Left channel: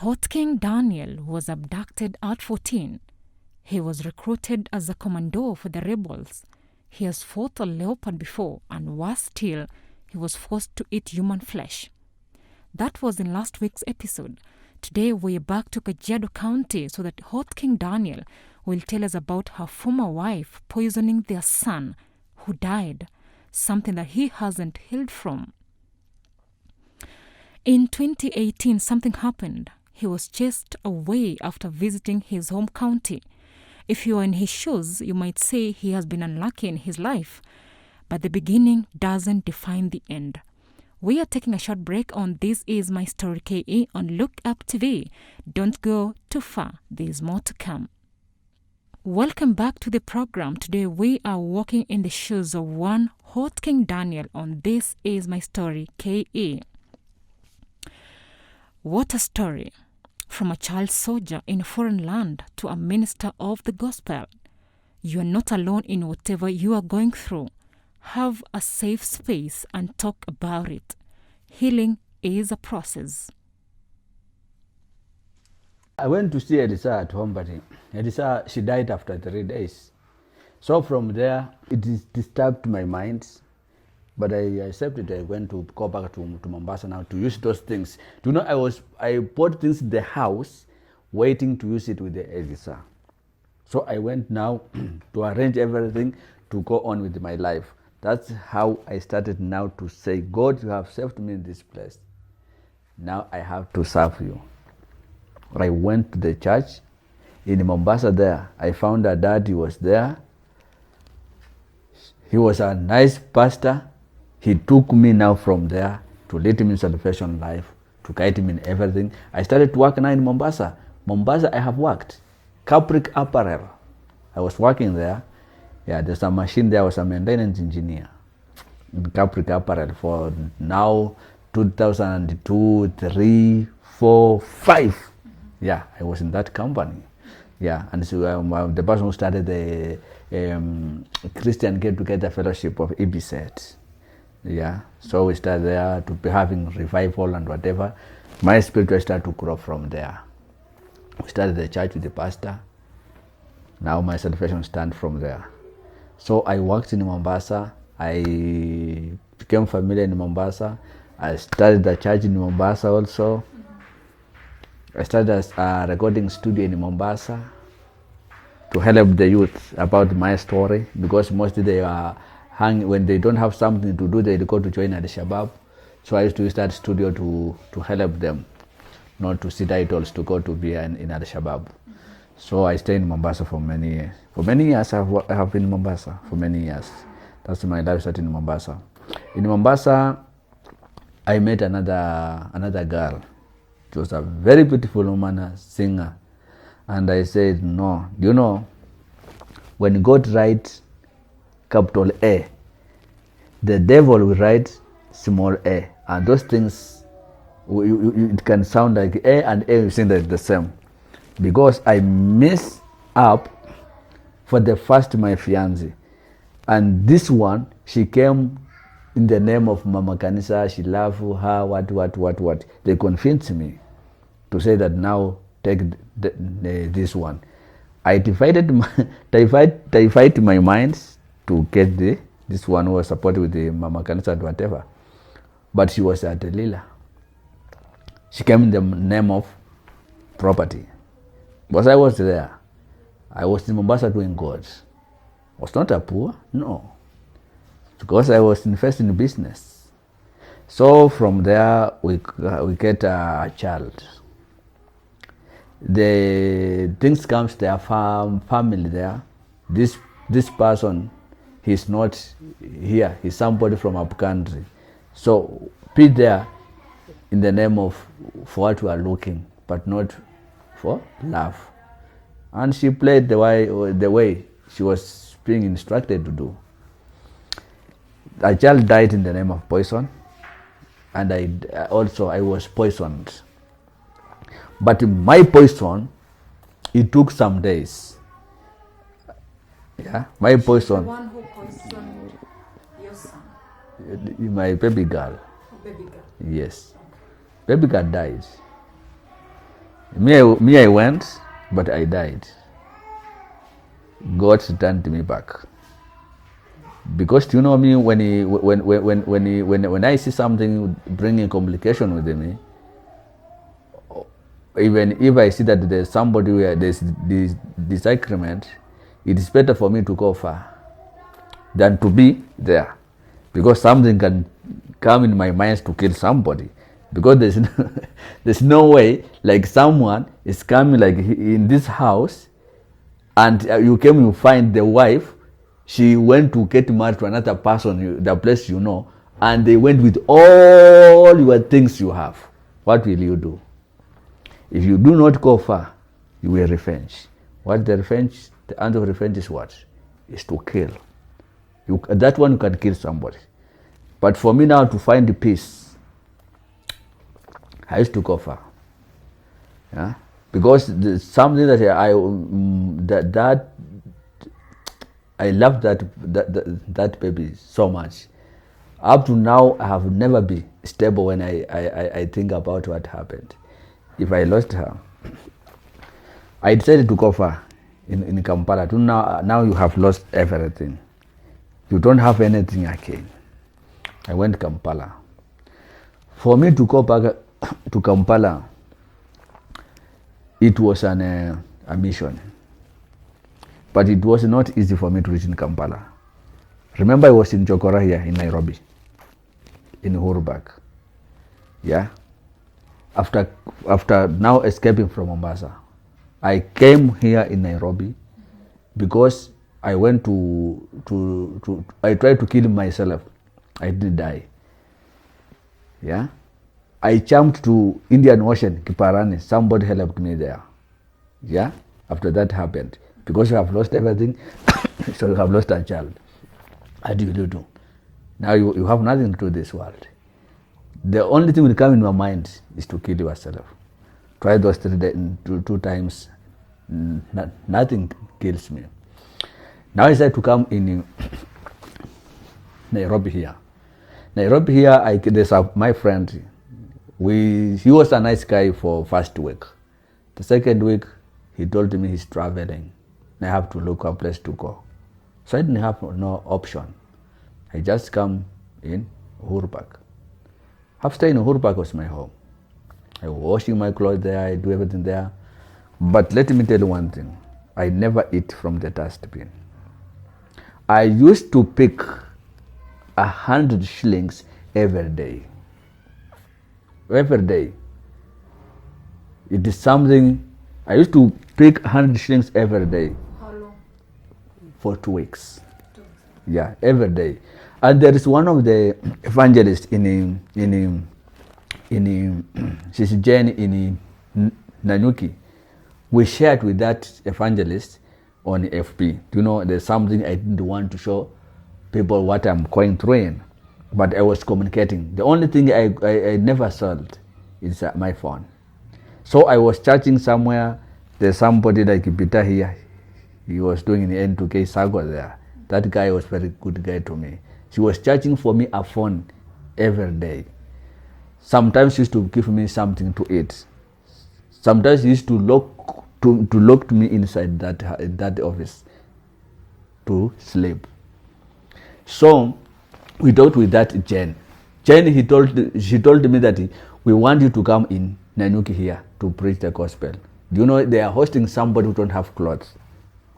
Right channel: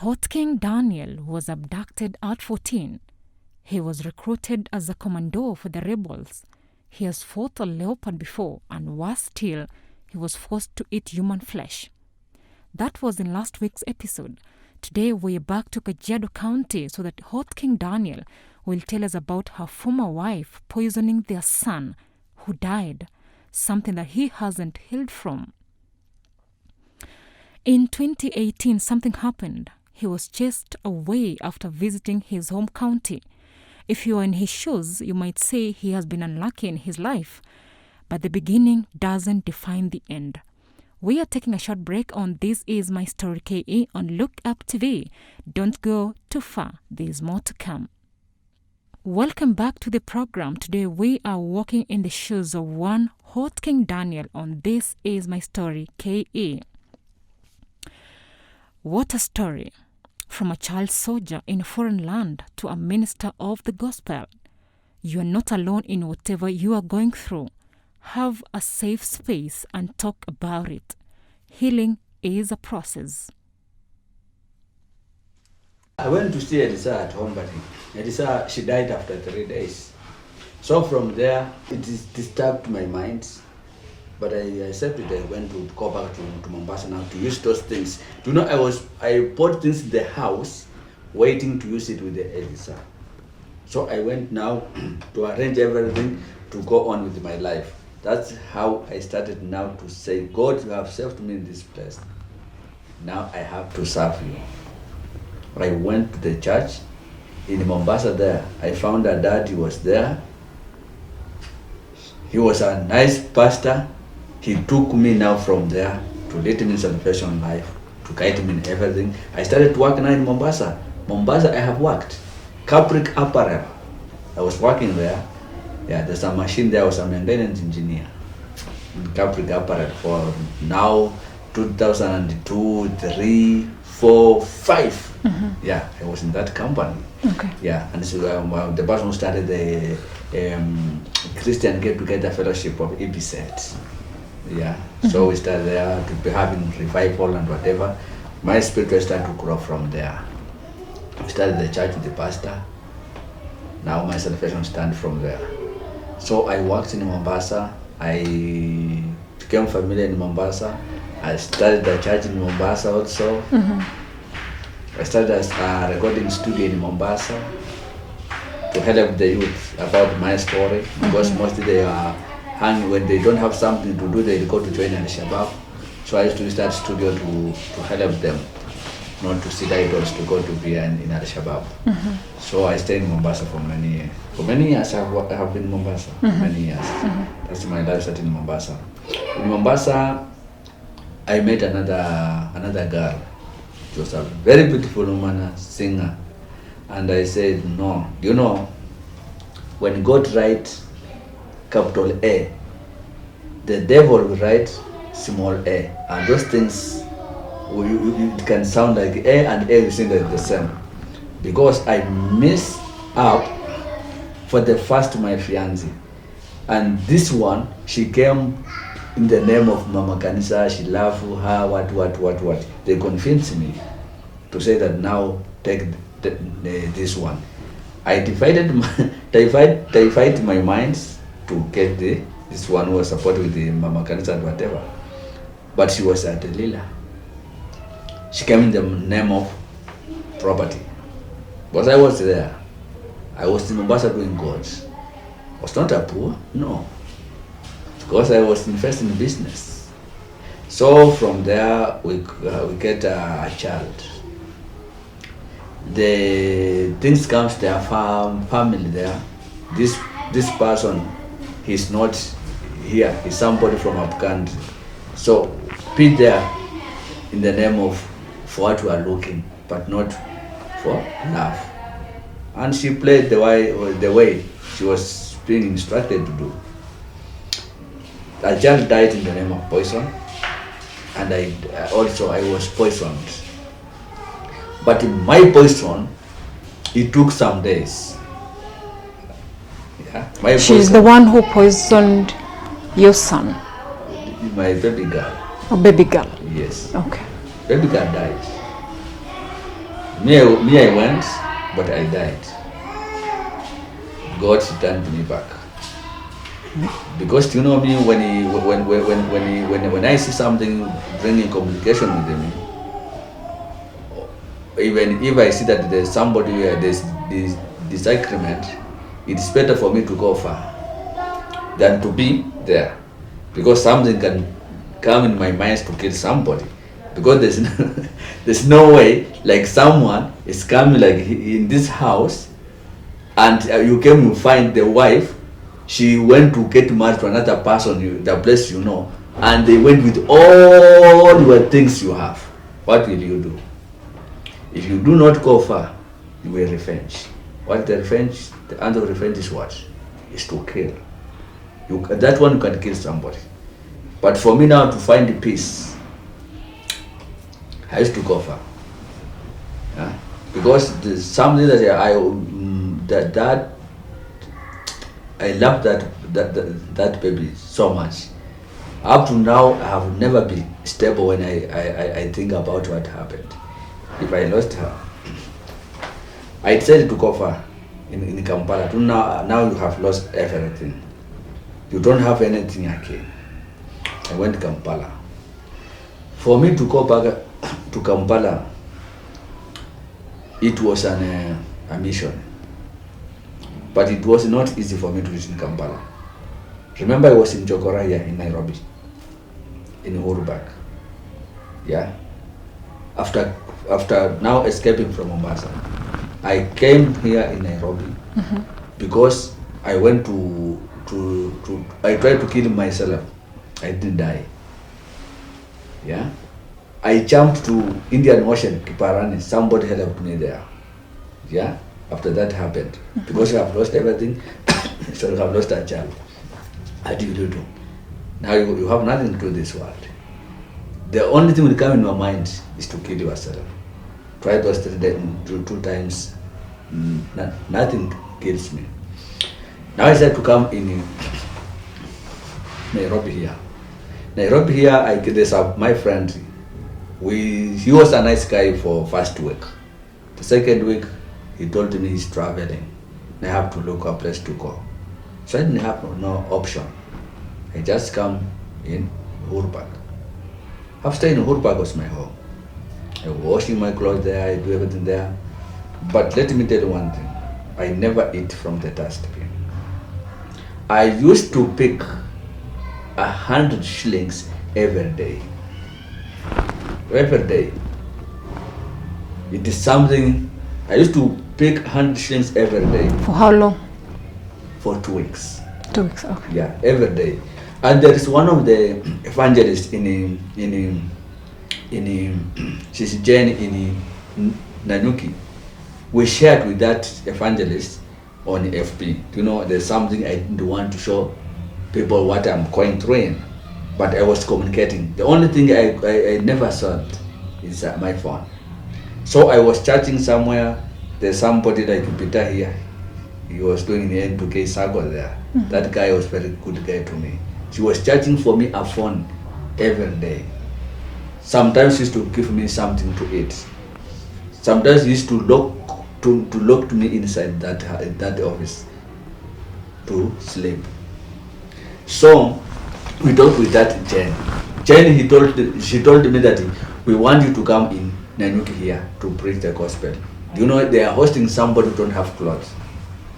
Hot King Daniel was abducted at 14. He was recruited as a commando for the rebels. He has fought a leopard before, and worse still, he was forced to eat human flesh. That was in last week's episode. Today we're back to Kajiado County so that Hot King Daniel will tell us about her former wife poisoning their son, who died, something that he hasn't healed from. In 2018, something happened. He was chased away after visiting his home county. If you are in his shoes, you might say he has been unlucky in his life. But the beginning doesn't define the end. We are taking a short break on This Is My Story KE on Look Up TV. Don't go too far. There's more to come. Welcome back to the program. Today we are walking in the shoes of one Hot King Daniel on This Is My Story KE. What a story. From a child soldier in a foreign land to a minister of the gospel. You are not alone in whatever you are going through. Have a safe space and talk about it. Healing is a process. I went to see Elisa at home, but Elisa, she died after 3 days. So from there, it disturbed my mind. But I accepted. I went to go back to Mombasa now to use those things. You know, I bought things in the house, waiting to use it with the Elisa. So I went now to arrange everything to go on with my life. That's how I started now to say, God, you have saved me in this place. Now I have to serve you. I went to the church in Mombasa there. I found that Daddy was there. He was a nice pastor. He took me now from there to lead me in salvation life, to guide me in everything. I started to work now in Mombasa. Mombasa, I have worked. Capric Apparel, I was working there. Yeah, there's a machine there. I was a maintenance engineer in Capric Apparel for now 2002, 3, 4, 5. Yeah, I was in that company. Okay. Yeah, and so the person who started the Christian Get Together Fellowship of EBSET. Yeah, so we started there to be having revival and whatever. My spirit started to grow from there. We started the church with the pastor. Now my salvation stands from there. So I worked in Mombasa. I became familiar in Mombasa. I started the church in Mombasa also. I started as a recording studio in Mombasa to help the youth about my story, because mostly they are when they don't have something to do, they go to join Al-Shabaab. So I used to start studio to help them, not to sit idols, to go to be in Al-Shabaab. So I stayed in Mombasa for many years. For many years I have been in Mombasa, for many years. That's my life started in Mombasa. In Mombasa, I met another girl. She was a very beautiful woman, a singer. And I said, no, you know, when God writes capital A, the devil will write small a, and those things, it can sound like A and A, you think that the same. Because I messed up for the first my fiancé, and this one, she came in the name of Mama Kanisa, she loved her, what. They convinced me to say that now take this one. I divided my minds to get this one who was supported with the Mama Kanisa and whatever. But she was a Delilah. She came in the name of property. But I was there. I was in Mombasa doing God. I was not a poor, no. Because I was investing in business. So from there, we get a child. The things come to their family there. This person, he's not here. He's somebody from up country. So be there in the name of for what we are looking, but not for love. And she played the way she was being instructed to do. A child died in the name of poison, and I was poisoned. But my poison, it took some days. Yeah, She's the one who poisoned your son. My baby girl. A baby girl. Yes. Okay. Baby girl died. Me, I went, but I died. God turned me back. Because you know me, when I see something bringing complication with me, even if I see that there's somebody where there's this disagreement, it's better for me to go far than to be there, because something can come in my mind to kill somebody. Because there's no way like someone is coming like in this house, and you came, you find the wife, she went to get married to another person, the place you know, and they went with all your things you have. What will you do? If you do not go far, you will revenge. What the revenge? The answer of revenge is what? Is to kill. That one can kill somebody. But for me now to find the peace, I used to go far. Yeah? Because there's something that I love that baby so much. Up to now, I have never been stable when I think about what happened. If I lost her, I decided to go far in Kampala. Now you have lost everything. You don't have anything again. I went to Kampala. For me to go back to Kampala, it was a mission. But it was not easy for me to reach in Kampala. Remember, I was in Jokora here in Nairobi, in Uhuru Park. Yeah. After now escaping from Mombasa, I came here in Nairobi because I went I tried to kill myself. I didn't die. Yeah. I jumped to Indian Ocean, Kiparani. Somebody helped me there. Yeah. After that happened, because I have lost everything, so I have lost a child. How do you do? Now you have nothing to do this world. The only thing will come in your mind is to kill yourself. Try those two times, nothing kills me. Now I said to come in Nairobi here. Nairobi here, there's my friend. He was a nice guy for first week. The second week, he told me he's traveling. I have to look for a place to go. So I didn't have no option. I just come in Uhuru Park. After in Uhuru Park was my home. I was washing my clothes there, I do everything there. But let me tell you one thing. I never eat from the dustbin. I used to pick 100 shillings every day. Every day. It is something. I used to pick 100 shillings every day. For how long? For 2 weeks. 2 weeks, okay. Yeah, every day. And there is one of the evangelists she's Jane in Nanyuki. We shared with that evangelist on FB. You know, there's something I didn't want to show people what I'm going through in, but I was communicating. The only thing I never saw is my phone. So I was chatting somewhere. There's somebody like Peter here. He was doing the N2K Sago there. That guy was very good guy to me. He was charging for me a phone every day. Sometimes he used to give me something to eat. Sometimes he used to lock me inside that office to sleep. So we talked with that Jen. Jen, she told me that we want you to come in Nanyuki here to preach the gospel. Do you know they are hosting somebody who don't have clothes,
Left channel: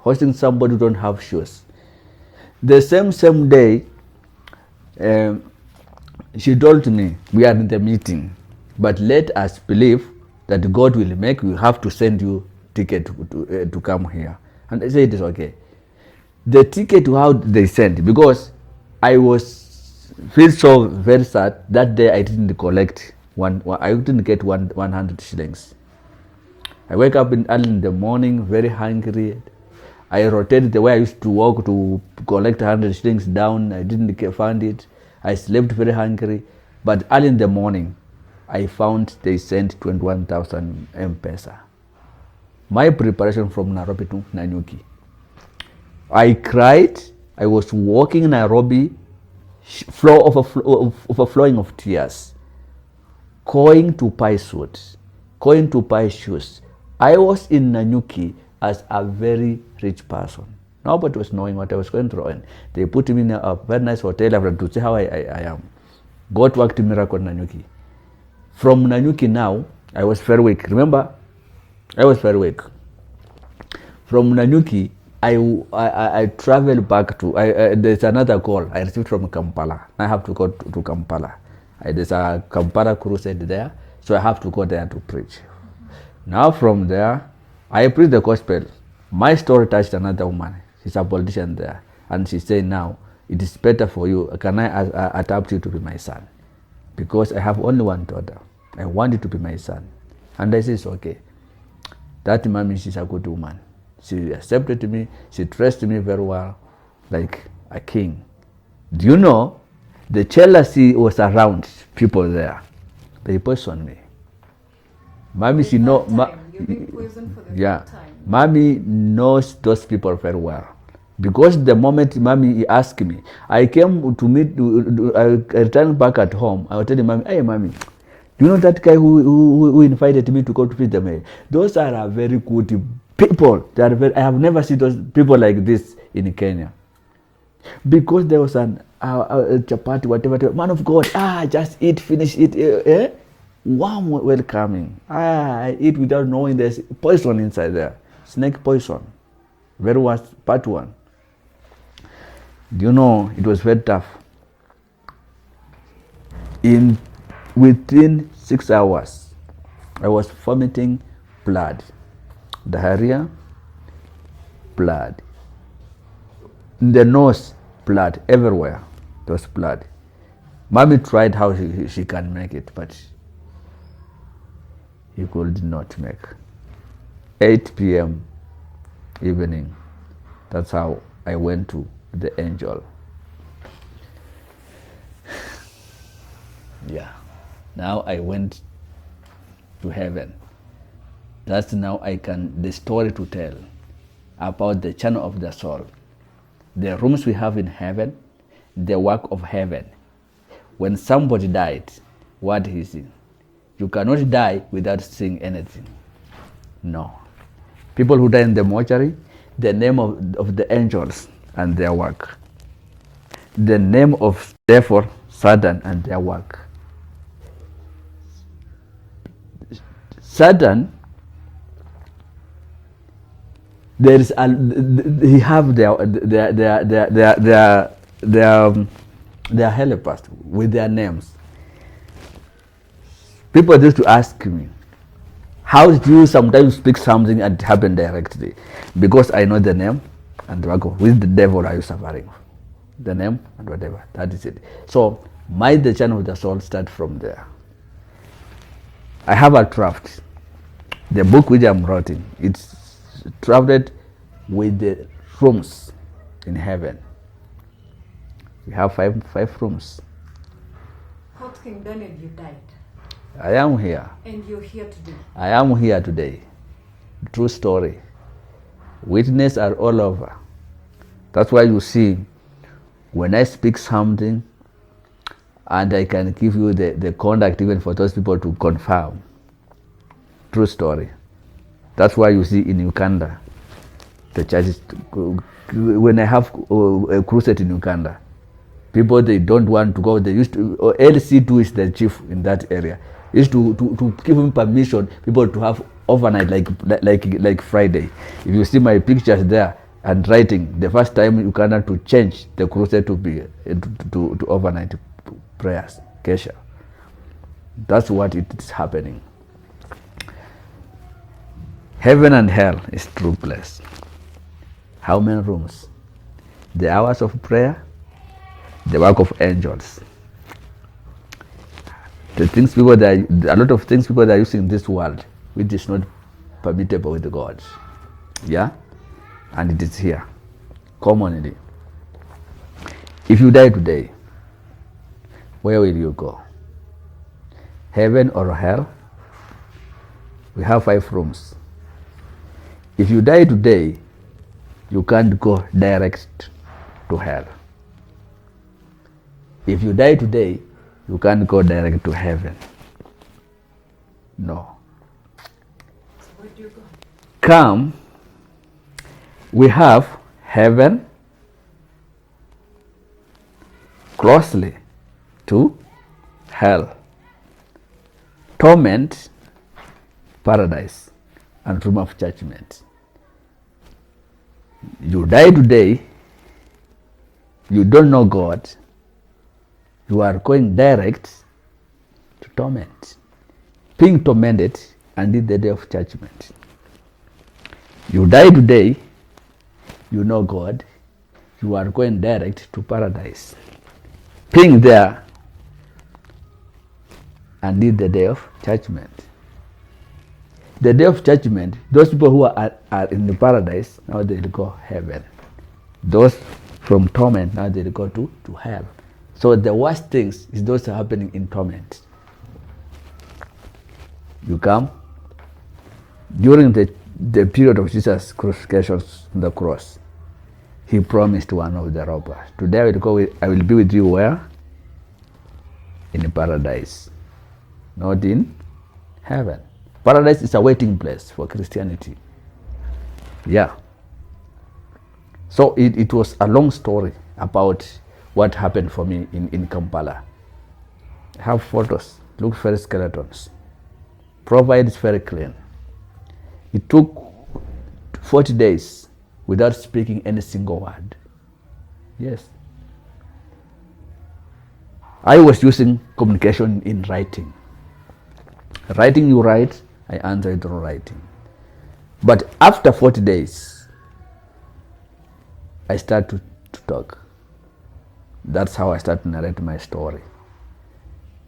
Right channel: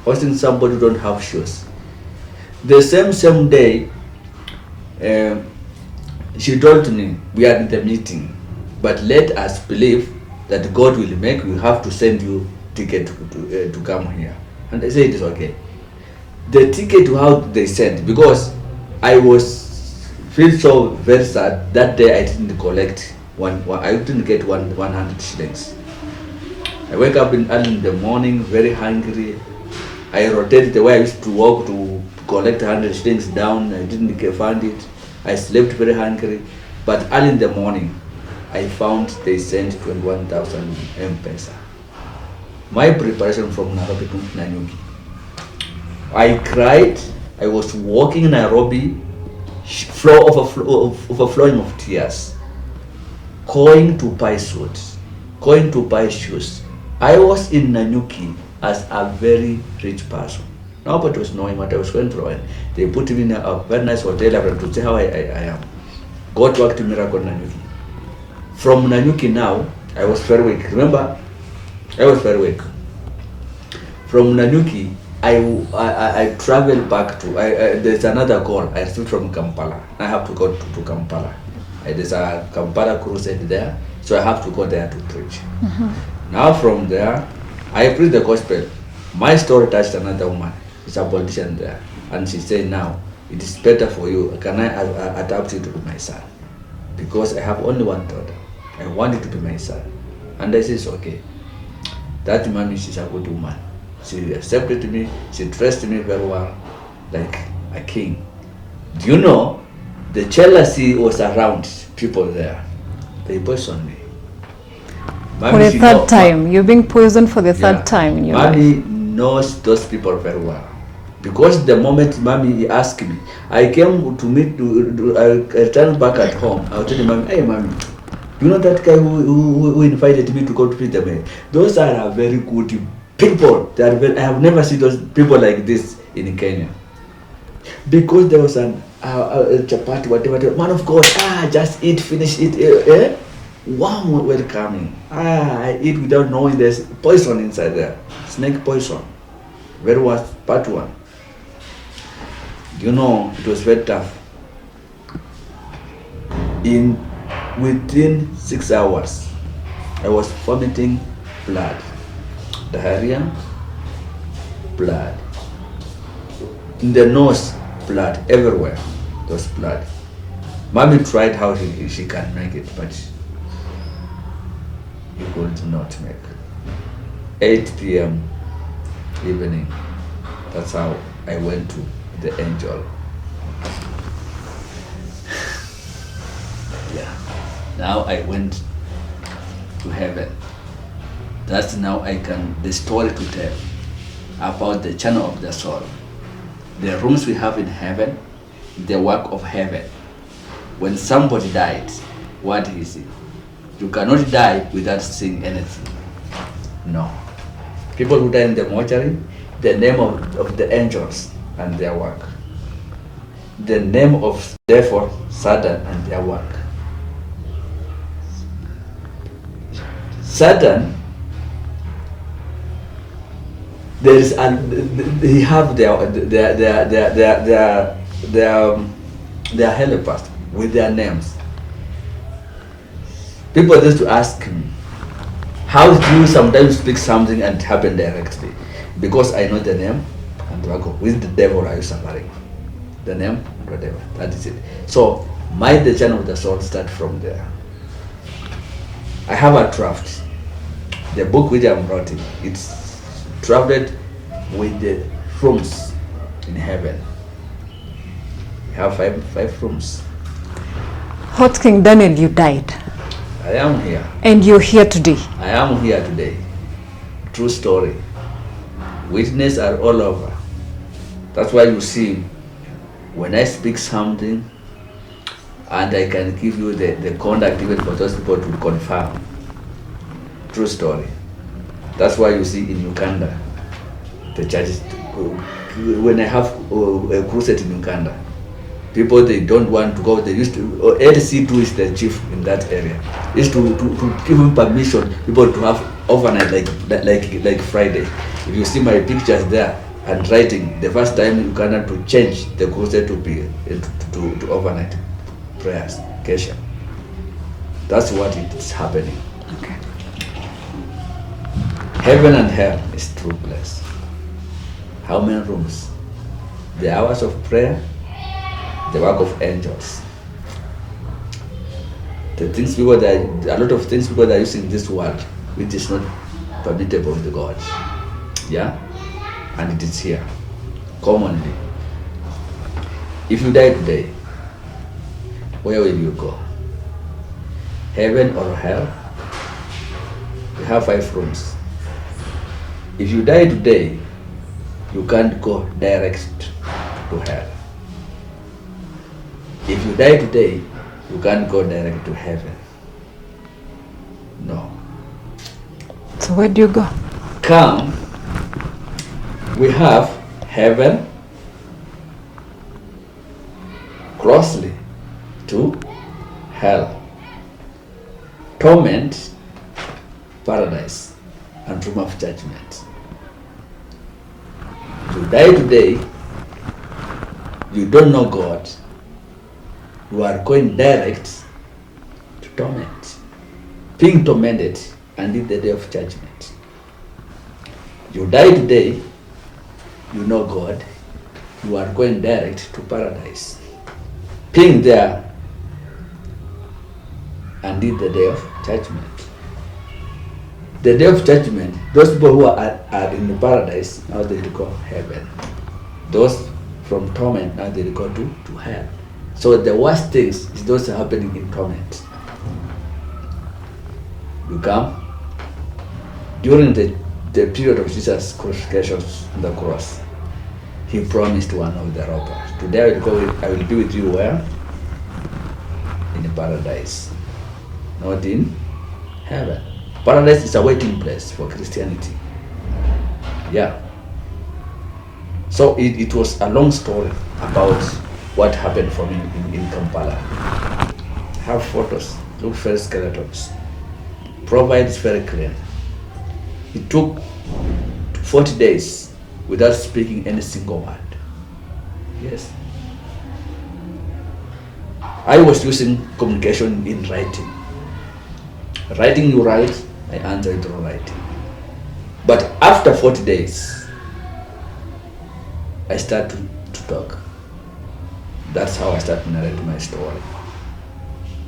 hosting somebody who don't have shoes. The same day, she told me, we are in the meeting, but let us believe that God will make, we have to send you ticket to come here. And I said, it's okay. The ticket, how they sent, because I feel so very sad. That day I didn't collect I didn't get 100 shillings. I wake up early in the morning, very hungry. I rotated the way I used to walk to collect 100 shillings down. I didn't find it. I slept very hungry. But early in the morning, I found they sent 21,000 M-Pesa. My preparation from Nairobi to Nanyuki. I cried. I was walking in Nairobi, overflowing of tears. Going to buy suits, going to buy shoes, I was in Nanyuki as a very rich person. Nobody was knowing what I was going through. And they put me in a very nice hotel to see how I am. God worked a miracle in Nanyuki. From Nanyuki now, I was very weak. Remember, I was very weak. From Nanyuki, I traveled back to, there's another call I received from Kampala. I have to go to Kampala. There's a Kampala crusade there, so I have to go there to preach. Now from there, I preached the gospel. My story touched another woman. She's a politician there. And she said, now, it is better for you. Can I adopt you to be my son? Because I have only one daughter. I want you to be my son. And I said, okay. That mommy, she's a good woman. She accepted me. She dressed me very well, like a king. Do you know, the jealousy was around people there. They poisoned me. For the third time. You're being poisoned for the third time in your Mommy life. knows those people very well. Because the moment Mommy asked me, I came to meet, I returned back at home. I was telling Mommy, hey Mommy, you know that guy who invited me to go to visit them? Those are very good people. I have never seen those people like this in Kenya. Because there was a chapati, whatever, man of God, just eat, finish it, warm welcoming. I eat without knowing there's poison inside there. Snake poison. Very worst, part one. Do you know, it was very tough. Within 6 hours, I was vomiting blood. Diarrhea, blood. In the nose, blood. Everywhere, there was blood. Mommy tried how she can make it, but he could not make. 8 p.m. evening, that's how I went to the angel. Yeah. Now I went to heaven. That's now the story to tell about the channel of the soul. The rooms we have in heaven, the work of heaven. When somebody died, what is it? You cannot die without seeing anything. No. People who die in the mortuary, the name of the angels and their work. The name of, therefore, Satan and their work. Satan, there is they have their helpers with their names. People used to ask me, how do you sometimes speak something and it happen directly? Because I know the name and I go, with the devil are you suffering? The name and whatever, that is it. So the channel of the soul start from there. I have a draft. The book which I'm writing, it's drafted with the rooms in heaven. We have five rooms. Hot King Daniel, you died. I am here. And you're here today. I am here today. True story. Witnesses are all over. That's why you see, when I speak something, and I can give you the contact even for those people to confirm. True story. That's why you see in Uganda, the churches, when I have a crusade in Uganda, people, they don't want to go. They used to, LC2 is the chief in that area. They used to give him permission, people to have overnight like Friday. If you see my pictures there and writing, the first time in Uganda to change the crusade to be to overnight prayers, Kesha. That's what it is happening. Okay. Heaven and hell is true place. How many rooms? The hours of prayer, the work of angels. A lot of things people are using in this world, which is not permissible with God. Yeah? And it is here, commonly. If you die today, where will you go? Heaven or hell? We have 5 rooms. If you die today, you can't go direct to hell. If you die today, you can't go direct to heaven. No. So where do you go? Come, we have heaven closely to hell, torment, paradise, and room of judgment. You die today, you don't know God, you are going direct to torment, being tormented until the day of judgment. You die today, you know God, you are going direct to paradise, being there until the day of judgment. The day of judgment, those people who are in the paradise, now they will go heaven. Those from torment, now they will go to hell. So the worst things is those are happening in torment. You come during the period of Jesus' crucifixion on the cross. He promised one of the robbers, today I will be with you where? In paradise, not in heaven. Paradise is a waiting place for Christianity. Yeah. So it was a long story about what happened for me in Kampala. I have photos, look very skeletons. Provides very clear. It took 40 days without speaking any single word. Yes. I was using communication in writing. Writing you write, I answer it through writing. But after 40 days, I start to talk. That's how I start to narrate my story.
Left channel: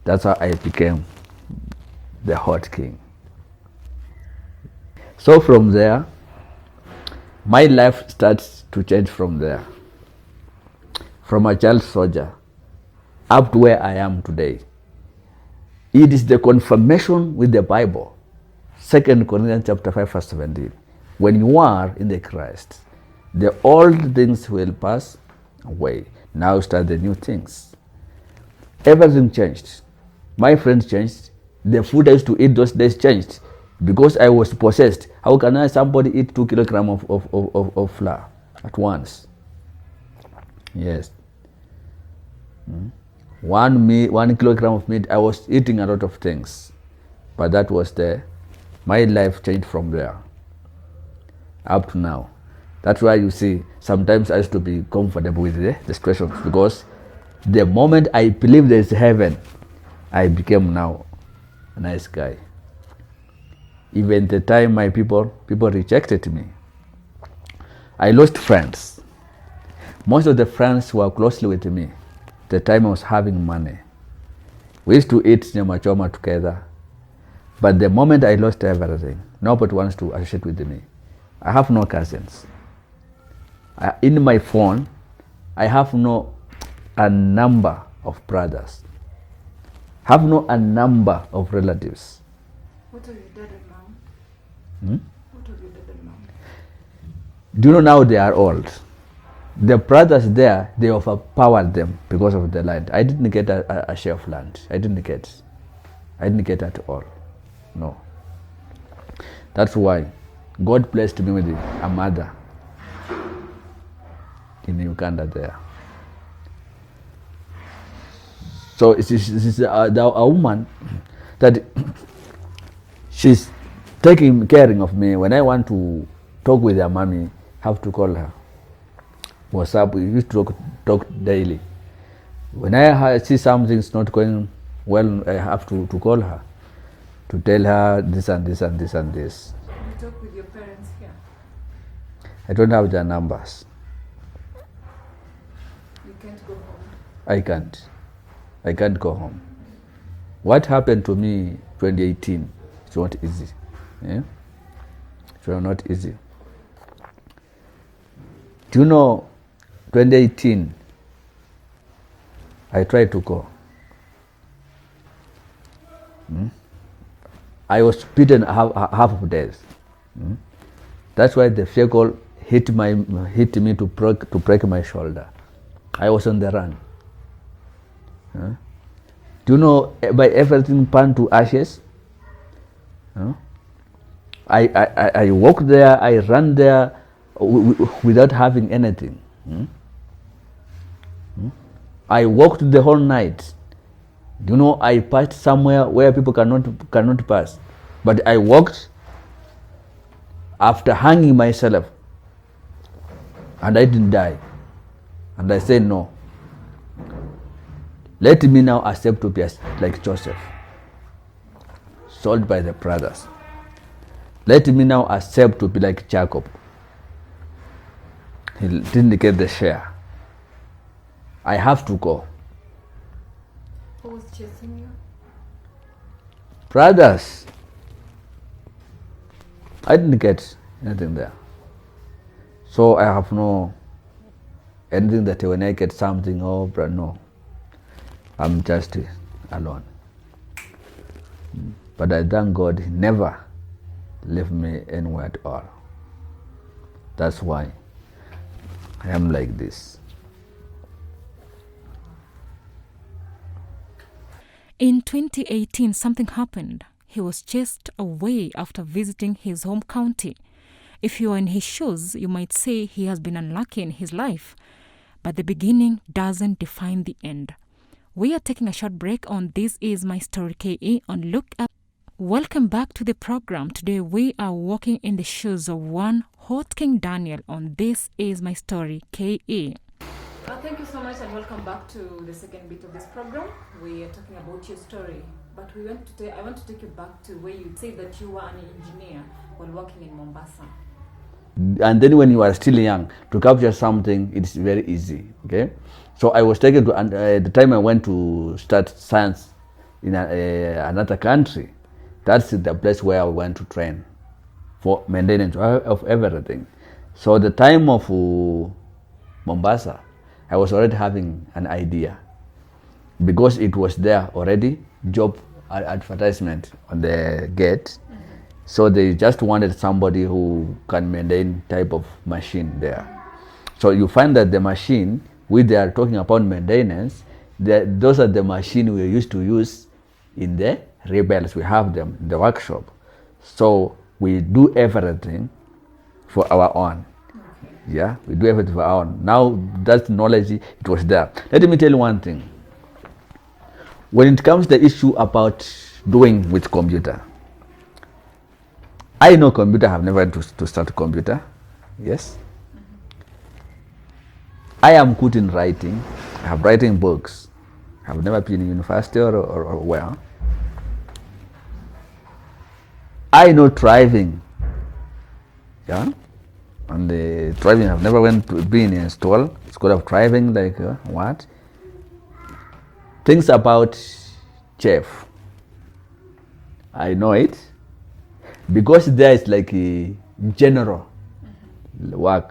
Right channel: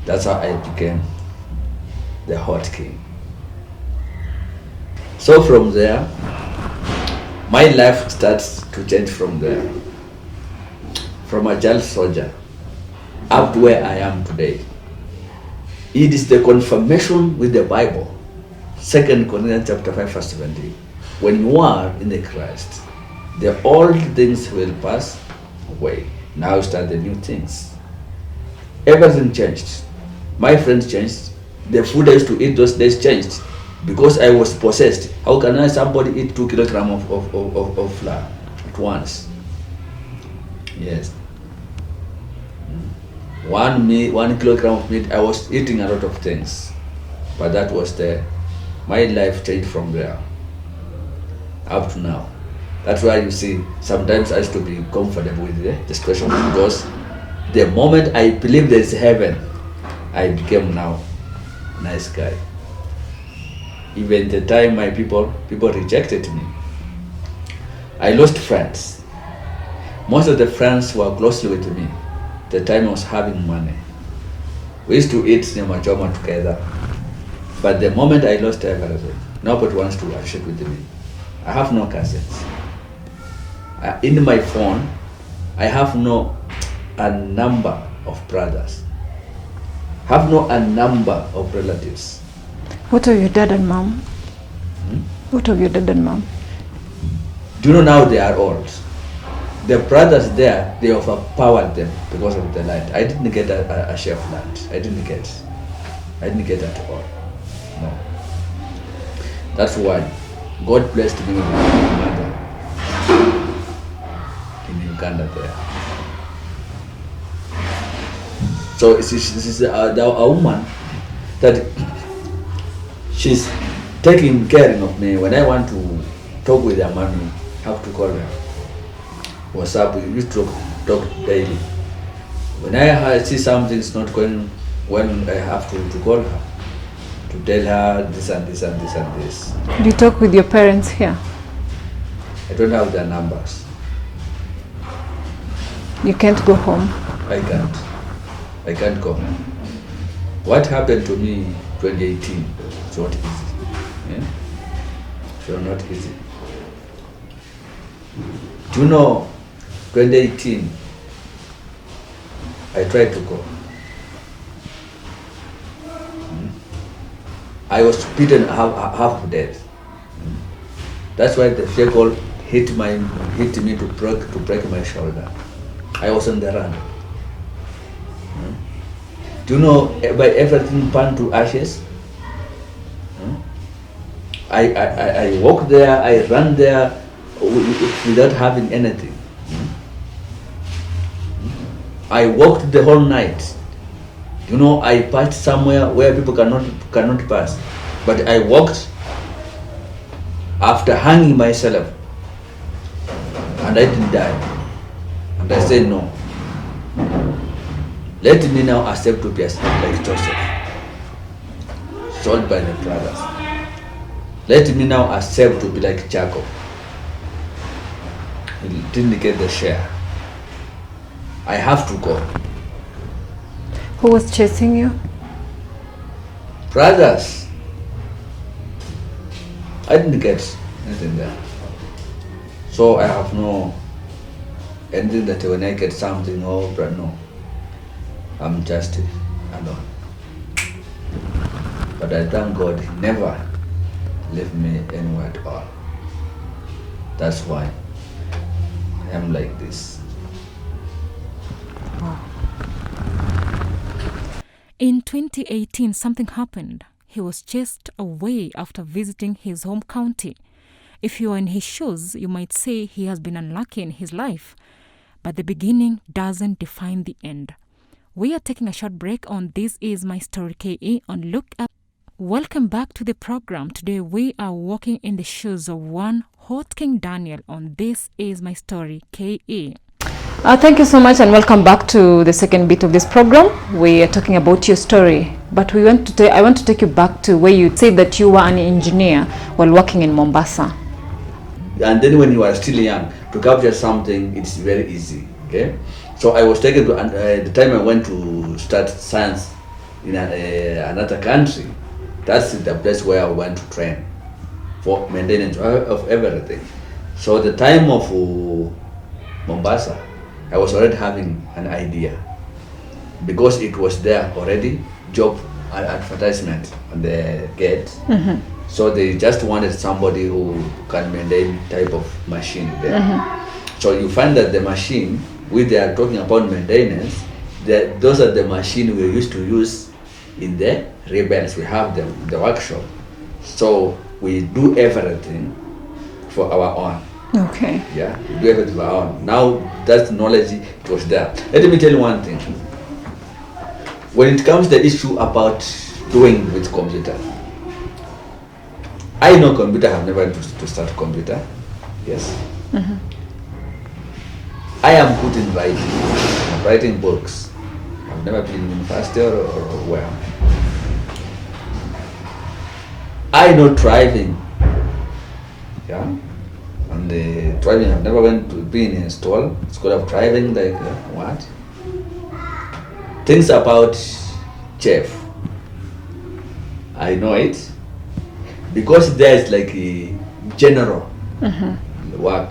That's how I became the hot king. So from there, my life starts to change from there. From a child soldier up to where I am today. It is the confirmation with the Bible. 2 Corinthians chapter 5 verse 17. When you are in the Christ, the old things will pass away. Now start the new things. Everything changed. My friends changed. The food I used to eat those days changed. Because I was possessed. How can somebody eat 2 kilograms of flour at once? Yes. 1 kilogram of meat, I was eating a lot of things. But that was my life changed from there up to now. That's why you see, sometimes I used to be comfortable with the situation, because the moment I believe there's heaven, I became now a nice guy. Even the time my people rejected me, I lost friends. Most of the friends were closely with me the time I was having money. We used to eat nyama choma together. But the moment I lost everything, nobody wants to associate with me. I have no cousins. In my phone, I have a number of brothers. Have a number of relatives. What of your dad and mom? What of your dad and mom? Do you know now they are old? The brothers there, they overpowered them because of the light. I didn't get a share of land. I didn't get at all. No. That's why God blessed me with a mother in Uganda there. So it's a woman that she's taking caring of me. When I want to talk with her mommy, I have to call her. WhatsApp, we used to talk daily. When I see something's not going well, I have to call her to tell her this and this and this and this. Do you talk with your parents here? I don't have their numbers. You can't go home? I can't go home. What happened to me 2018 is not easy. It's not easy. Do you know, 2018, I tried to go. I was beaten half of death. That's why the vehicle hit me to break my shoulder. I was on the run. Do you know, by everything burned to ashes? I walked there, I ran there without having anything. I walked the whole night. You know, I passed somewhere where people cannot pass. But I walked after hanging myself, and I didn't die. And I said, no. Let me now accept to be like Joseph, sold by the brothers. Let me now accept to be like Jacob. He didn't get the share. I have to go. Who was chasing you? Brothers. I didn't get anything there. So I have no anything that when I get something, no. I'm just alone. But I thank God he never left me anywhere at all. That's why I am like this. In 2018, something happened. He was chased away after visiting his home county. If you are in his shoes, you might say he has been unlucky in his life. But the beginning doesn't define the end. We are taking a short break on This Is My Story KE on Look Up. Welcome back to the program. Today we are walking in the shoes of one Hot King Daniel on This Is My Story KE. Thank you so much and welcome back to the second bit of this program. We are talking about your story, but I want to take you back to where you said that you were an engineer while working in Mombasa. And then when you are still young, to capture something, it's very easy. Okay, so I was taken to, the time I went to start science in another country. That's the place where I went to train for maintenance of everything. So the time of Mombasa, I was already having an idea because it was there already, job advertisement on the gate. Mm-hmm. So they just wanted somebody who can maintain type of machine there. Mm-hmm. So you find that the machine, which they are talking about maintenance, those are the machine we used to use in the rebels. We have them in the workshop. So we do everything for our own. Okay. Yeah, we do everything for our own. Now that knowledge, it was there. Let me tell you one thing. When it comes to the issue about doing with computer, I know computer, I have never to start computer. Yes. Mm-hmm. I am good in writing. I'm writing books. I've never been in university or where. I know driving. Yeah. And the driving, I've never went to being in school of driving, like what? Things about chef. I know it. Because there is like a general work.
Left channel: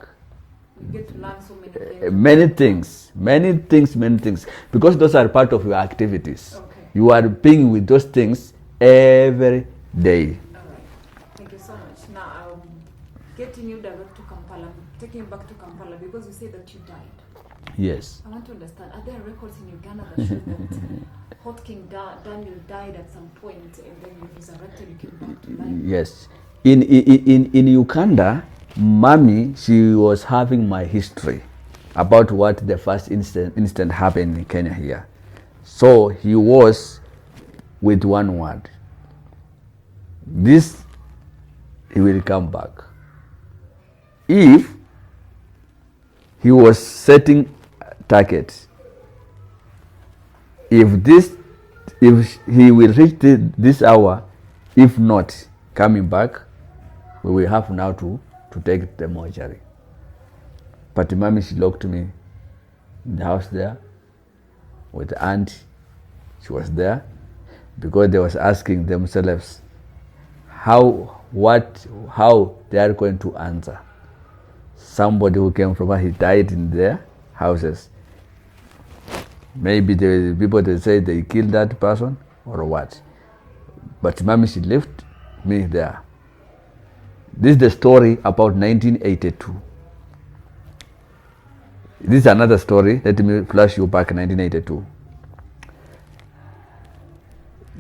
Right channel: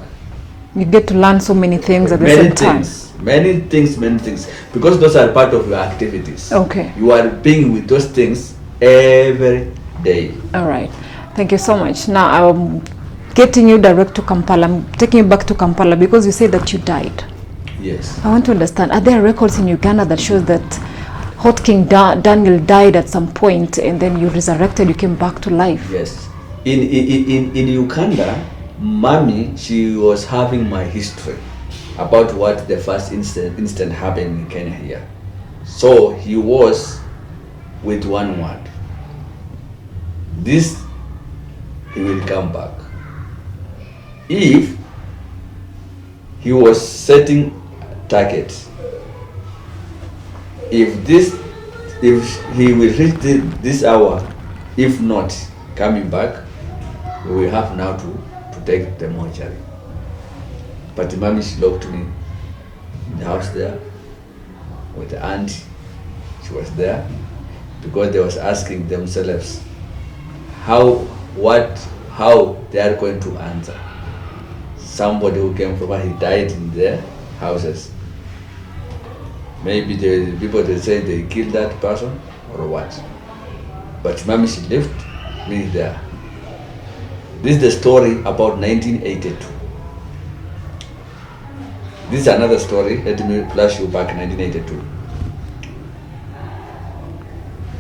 You get to learn so many things at the same time. Many things. Because those are part of your activities. Okay. You are being with those things every day. All right. Thank you so much. Now I'm getting you direct to Kampala. I'm taking you back to Kampala because you said that you died. Yes. I want to understand, are there records in Uganda that shows that Hot King Daniel died at some point and then you resurrected, you came back to life? Yes. In Uganda, Mommy, she was having my history about what the first incident happened in Kenya here. So he was with one word. This, he will come back. If he was setting targets, if he will reach this hour, if not coming back, we will have now to take the mortuary. But Mommy, she locked me in the house there with the aunt. She was there because they was asking themselves how they are going to answer. Somebody who came from where he died in their houses. Maybe the people, they say they killed that person or what. But Mommy, she left me there. This is the story about 1982. This is another story. Let me flash you back 1982.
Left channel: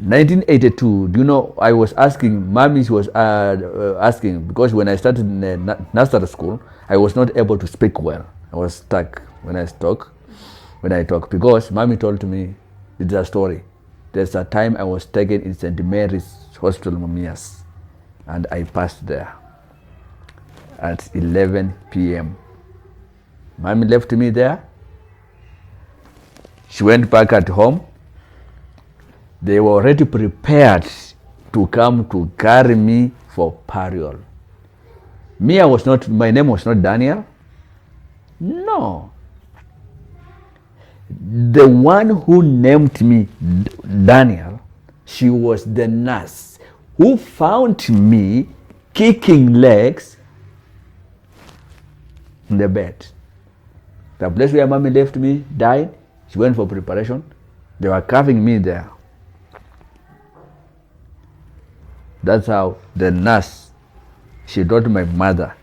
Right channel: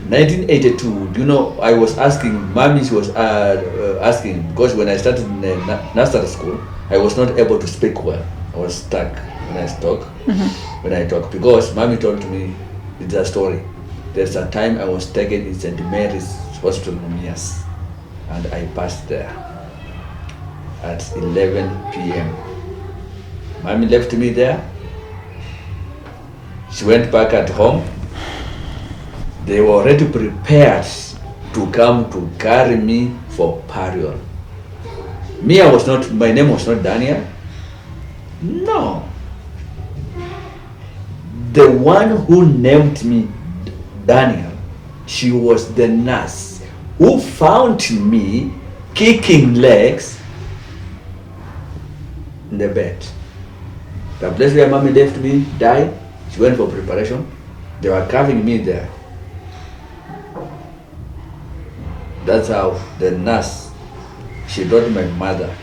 1982, do you know, I was asking, mommy was asking, because when I started in nursery school, I was not able to speak well. I was stuck when I talk, because mommy told me, it's a story. There's a time I was taken in St. Mary's Hospital, Mumias, and I passed there at 11 p.m. Mommy left me there. She went back at home. They were already prepared to come to carry me for burial. My name was not Daniel. No. The one who named me Daniel, she was the nurse who found me kicking legs in the bed. The place where mommy left me died. She went for preparation. They were carving me there. That's how the nurse, she told my mother,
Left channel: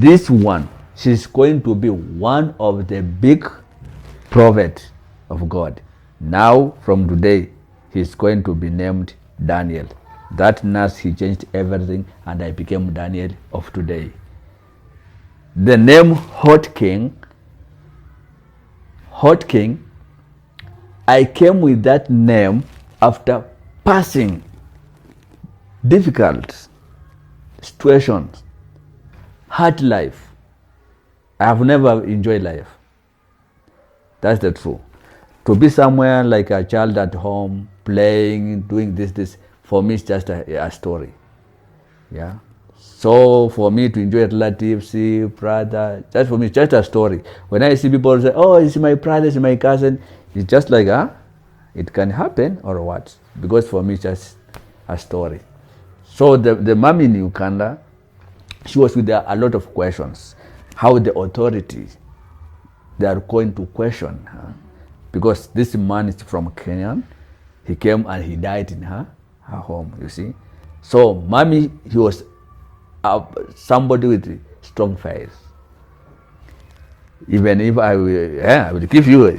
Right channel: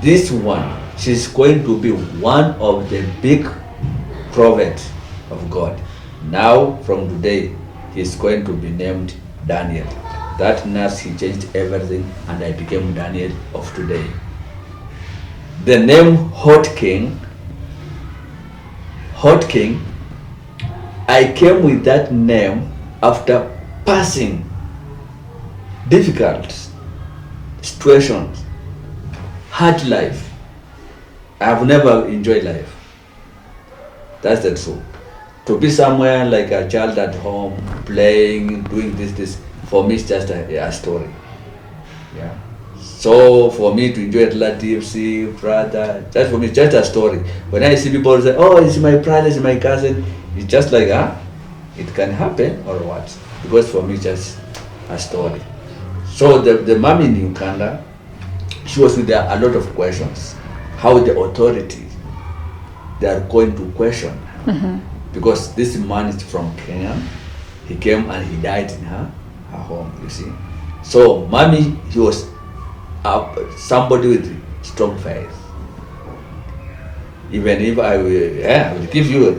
this one, she's going to be one of the big prophets of God. Now, from today, he's going to be named Daniel. That nurse, he changed everything, and I became Daniel of today. The name Hot King, I came with that name after passing difficult situations, hard life. I have never enjoyed life. That's the truth. To be somewhere like a child at home, playing, doing this, for me it's just a story. Yeah. So for me to enjoy relatives, see brother, that's for me just a story. When I see people say, oh, it's my brother, it's my cousin, it's just like, it can happen or what? Because for me it's just a story. So the mom in Uganda, she was with a lot of questions. How the authorities, they are going to question her. Because this man is from Kenya. He came and he died in her home, you see. So mommy, he was somebody with strong faith. Even if I will give you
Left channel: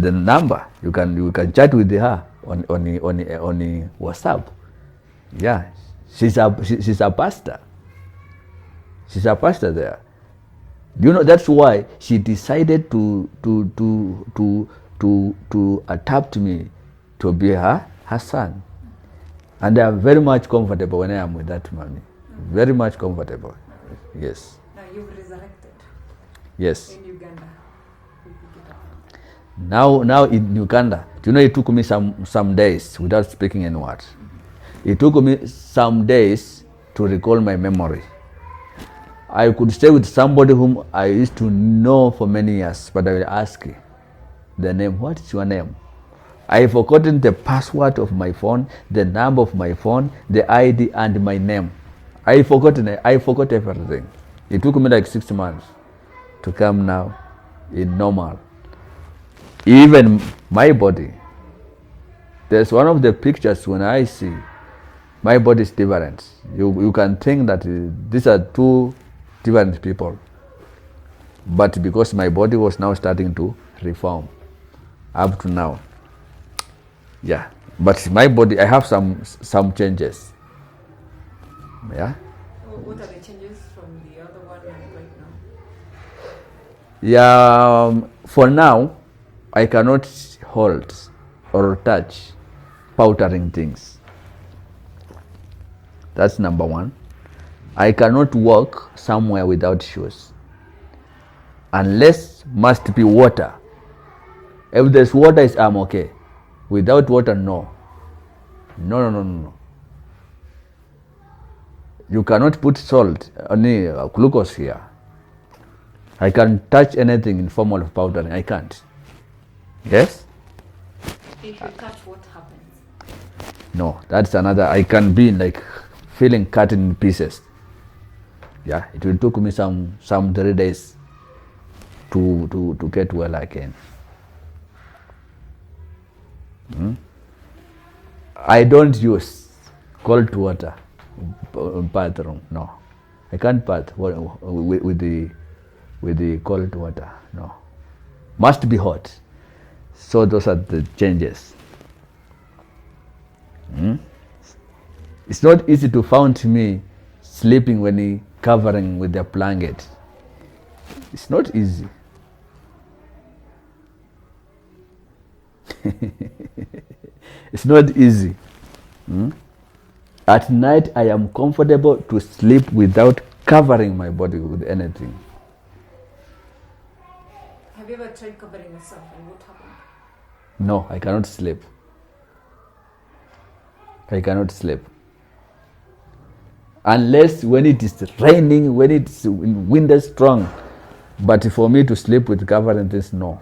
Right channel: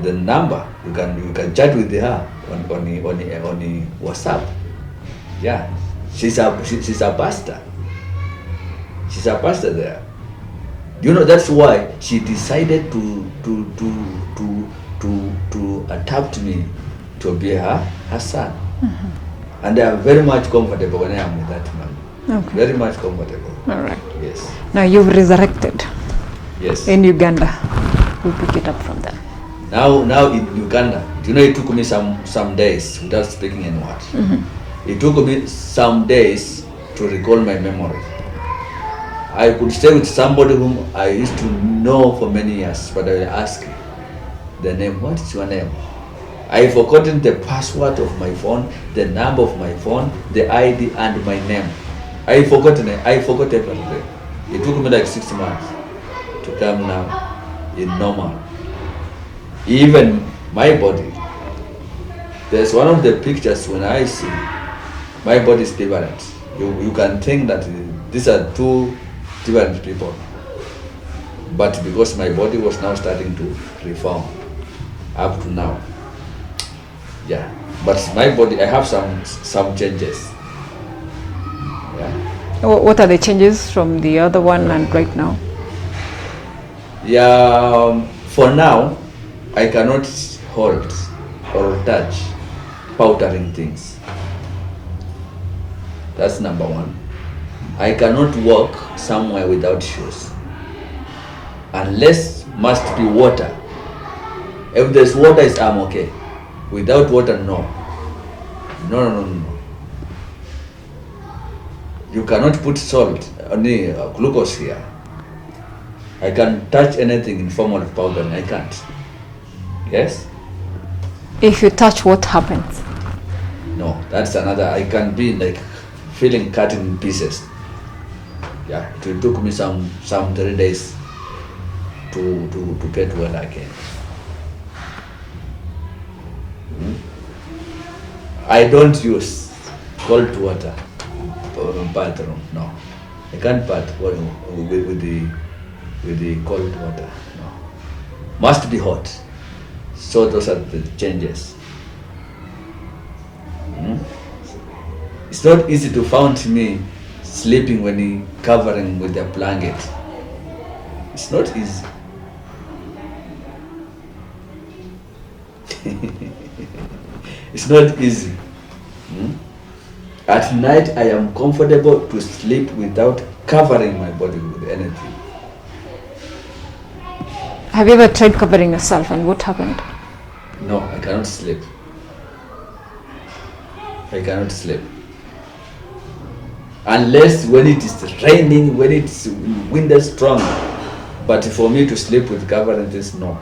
the number, you can chat with her on WhatsApp. Yeah, she's a pastor. She's a pastor there. Do you know that's why she decided to adopt me to be her son. And I'm very much comfortable when I am with that man. Okay. Very much comfortable. All right. Yes. Now you've resurrected Yes. in Uganda. We'll pick it up from there. Now in Uganda, do you know it took me some days without speaking any word. It took me some days to recall my memory. I could stay with somebody whom I used to know for many years, but I will ask the name. What is your name? I forgotten the password of my phone, the number of my phone, the ID, and my name. I forgot everything. It took me like 6 months to come now in normal. Even my body. There's one of the pictures when I see my body is different. You can think that these are two different people. But because my body was now starting to reform up to now. Yeah. But my body, I have some changes. Yeah. What are the changes from the other one and right now? Yeah, for now, I cannot hold or touch powdering things. That's number one. I cannot walk somewhere without shoes. Unless must be water. If there's water, I'm okay. Without water, no. No. You cannot put salt, only glucose here. I can touch anything in form of powder. I can't. Yes? If you touch, what happens? No, that's another. I can be like feeling cut in pieces. Yeah, it took me some 3 days to get well again. I don't use cold water bathroom. No, I can't bath with the cold water. No, must be hot. So those are the changes. It's not easy to find me sleeping when he covering with a blanket. It's not easy. It's not easy. At night I am comfortable to sleep without covering my body with anything. Have you ever tried covering yourself, and what happened? No, I cannot sleep. I cannot sleep. Unless when it is raining, when it's wind is strong. But for me to sleep with covering this, no.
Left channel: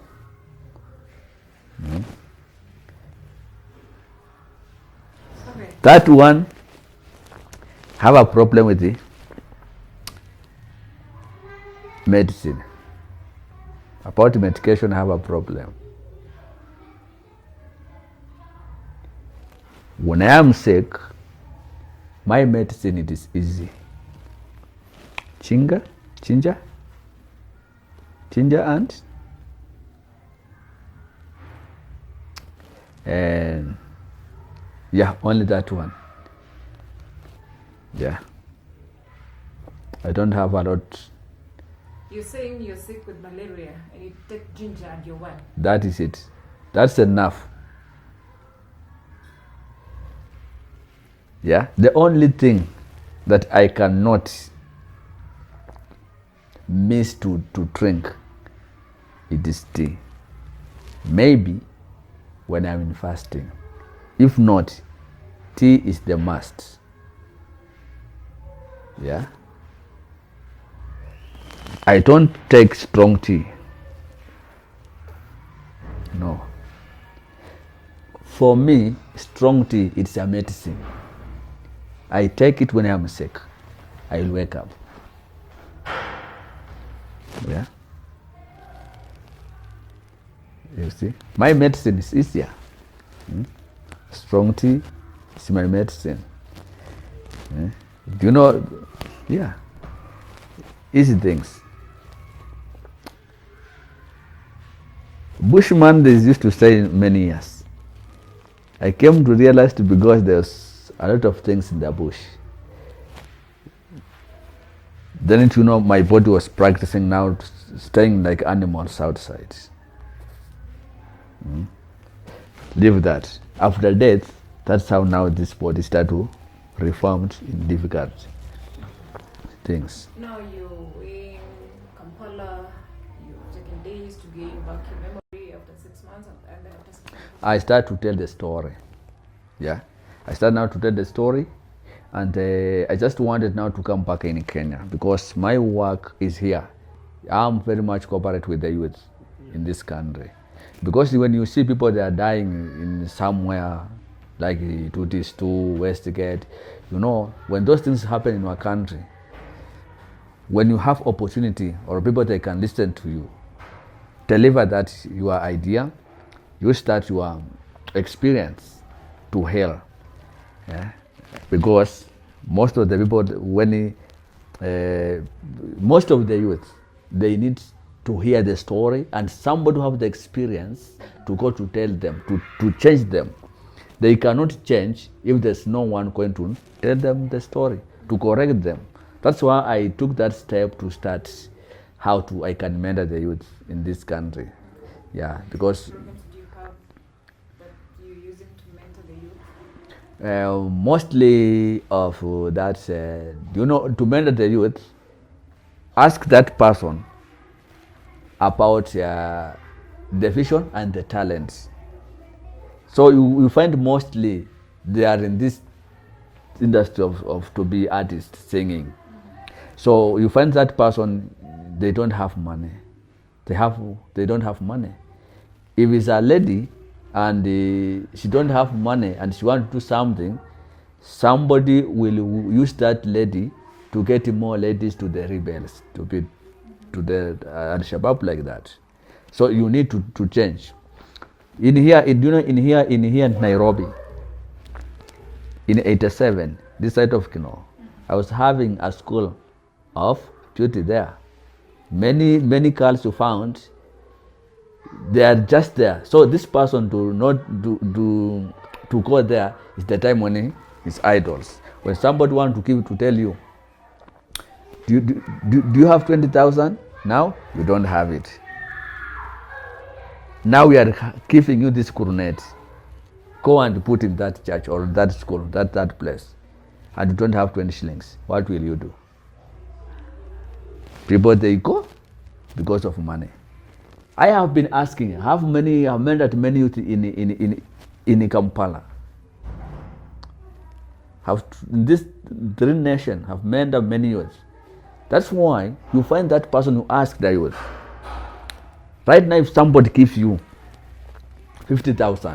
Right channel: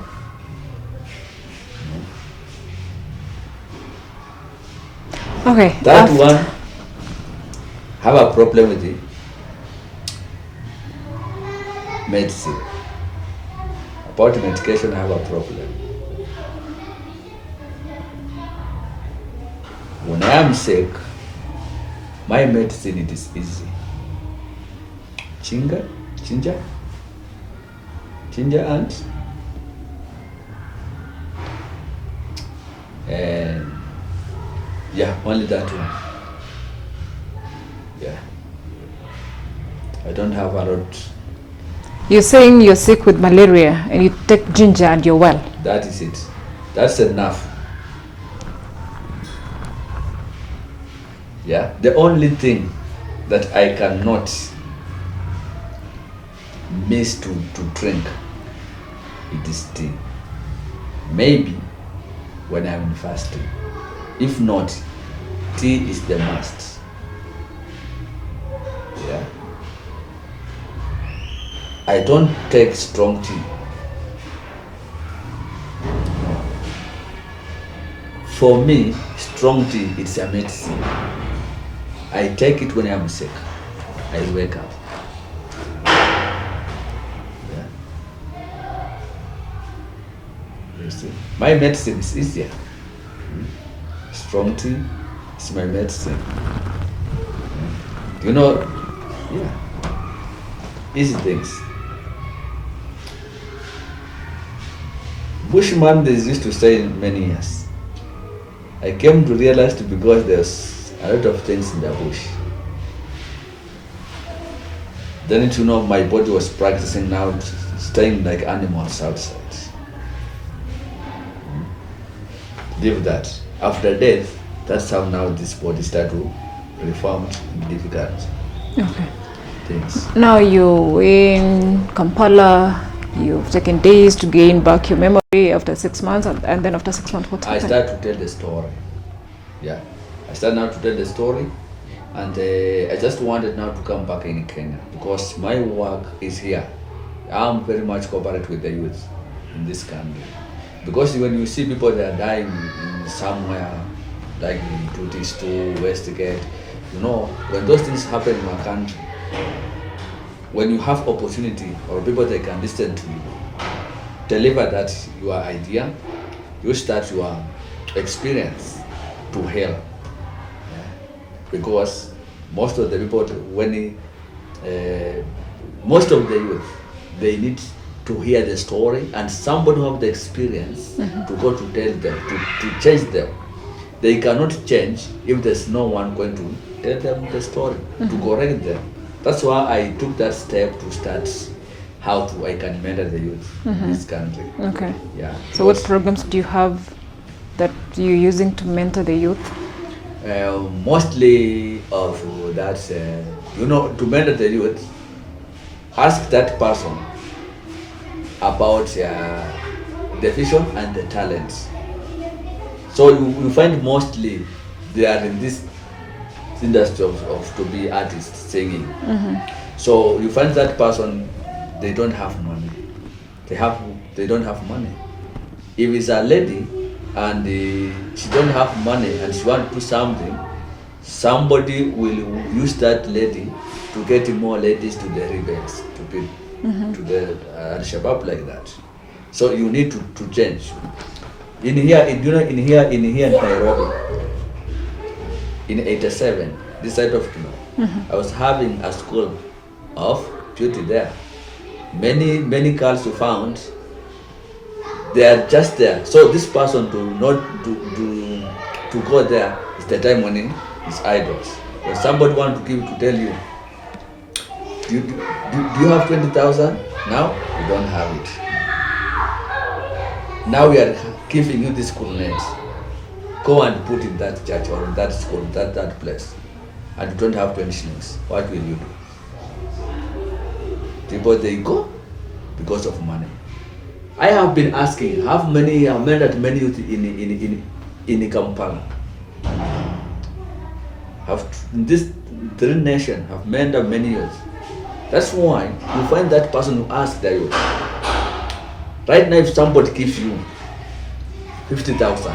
Okay. That one, have a problem with the medicine. About medication, I have a problem. When I am sick, my medicine, it is easy. Ginger and yeah, only that one. Yeah, I don't have a lot. You're saying you're sick with malaria and you take ginger and you're well. That is it. That's enough. Yeah, the only thing that I cannot miss to drink, it is tea. Maybe when I'm in fasting. If not, tea is the must. Yeah. I don't take strong tea. No. For me, strong tea, it's a medicine. I take it when I'm sick. I wake up. Yeah. You see, my medicine is easier. Strong tea is my medicine. Yeah. Do you know? Yeah. Easy things. Bushman, they used to stay many years. I came to realize because there's a lot of things in the bush. Then you know my body was practicing now staying like animals outside. Leave that. After death, that's how now this body start to reform in difficult things. Now you're in Kampala, you've taken days to gain back your memory after 6 months, and then after 6 months, what happened? I start to tell the story. Yeah, I start now to tell the story, and I just wanted now to come back in Kenya because my work is here. I'm very much cooperate with the youth in this country. Because when you see people that are dying in somewhere like Tutis2, Westgate, you know, when those things happen in our country, when you have opportunity or people that can listen to you, deliver that your idea, you start your experience to help. Yeah? Because most of the people, most of the youth, they need to hear the story and somebody who have the experience to go to tell them, to change them. They cannot change if there's no one going to tell them the story, to correct them. That's why I took that step to start how I can mentor the youth in this country. Okay. Yeah. So what programs do you have that you're using to mentor the youth? Mostly of that, you know, to mentor the youth, ask that person about the vision and the talents. So you find mostly they are in this industry of to be artists singing. So you find that person, they don't have money. They don't have money. If it's a lady and she don't have money and she want to do something, somebody will use that lady to get more ladies to the rebels, to be to the Al-Shabaab like that. So you need to change. In here in Nairobi, in 87, this side of Kino, I was having a school of beauty there. Many girls you found, they are just there. So this person to to go there is the time when it's idols. When somebody want to give to tell you, do you have 20,000 now? You don't have it. Now we are giving you this coronet. Go and put in that church or that school, that place, and you don't have 20 shillings. What will you do? People, they go because of money. I have been asking, have many youth in Kampala? Have this three nation have made up many youth? That's why you find that person who asks the youth. Right now, if somebody gives you 50,000,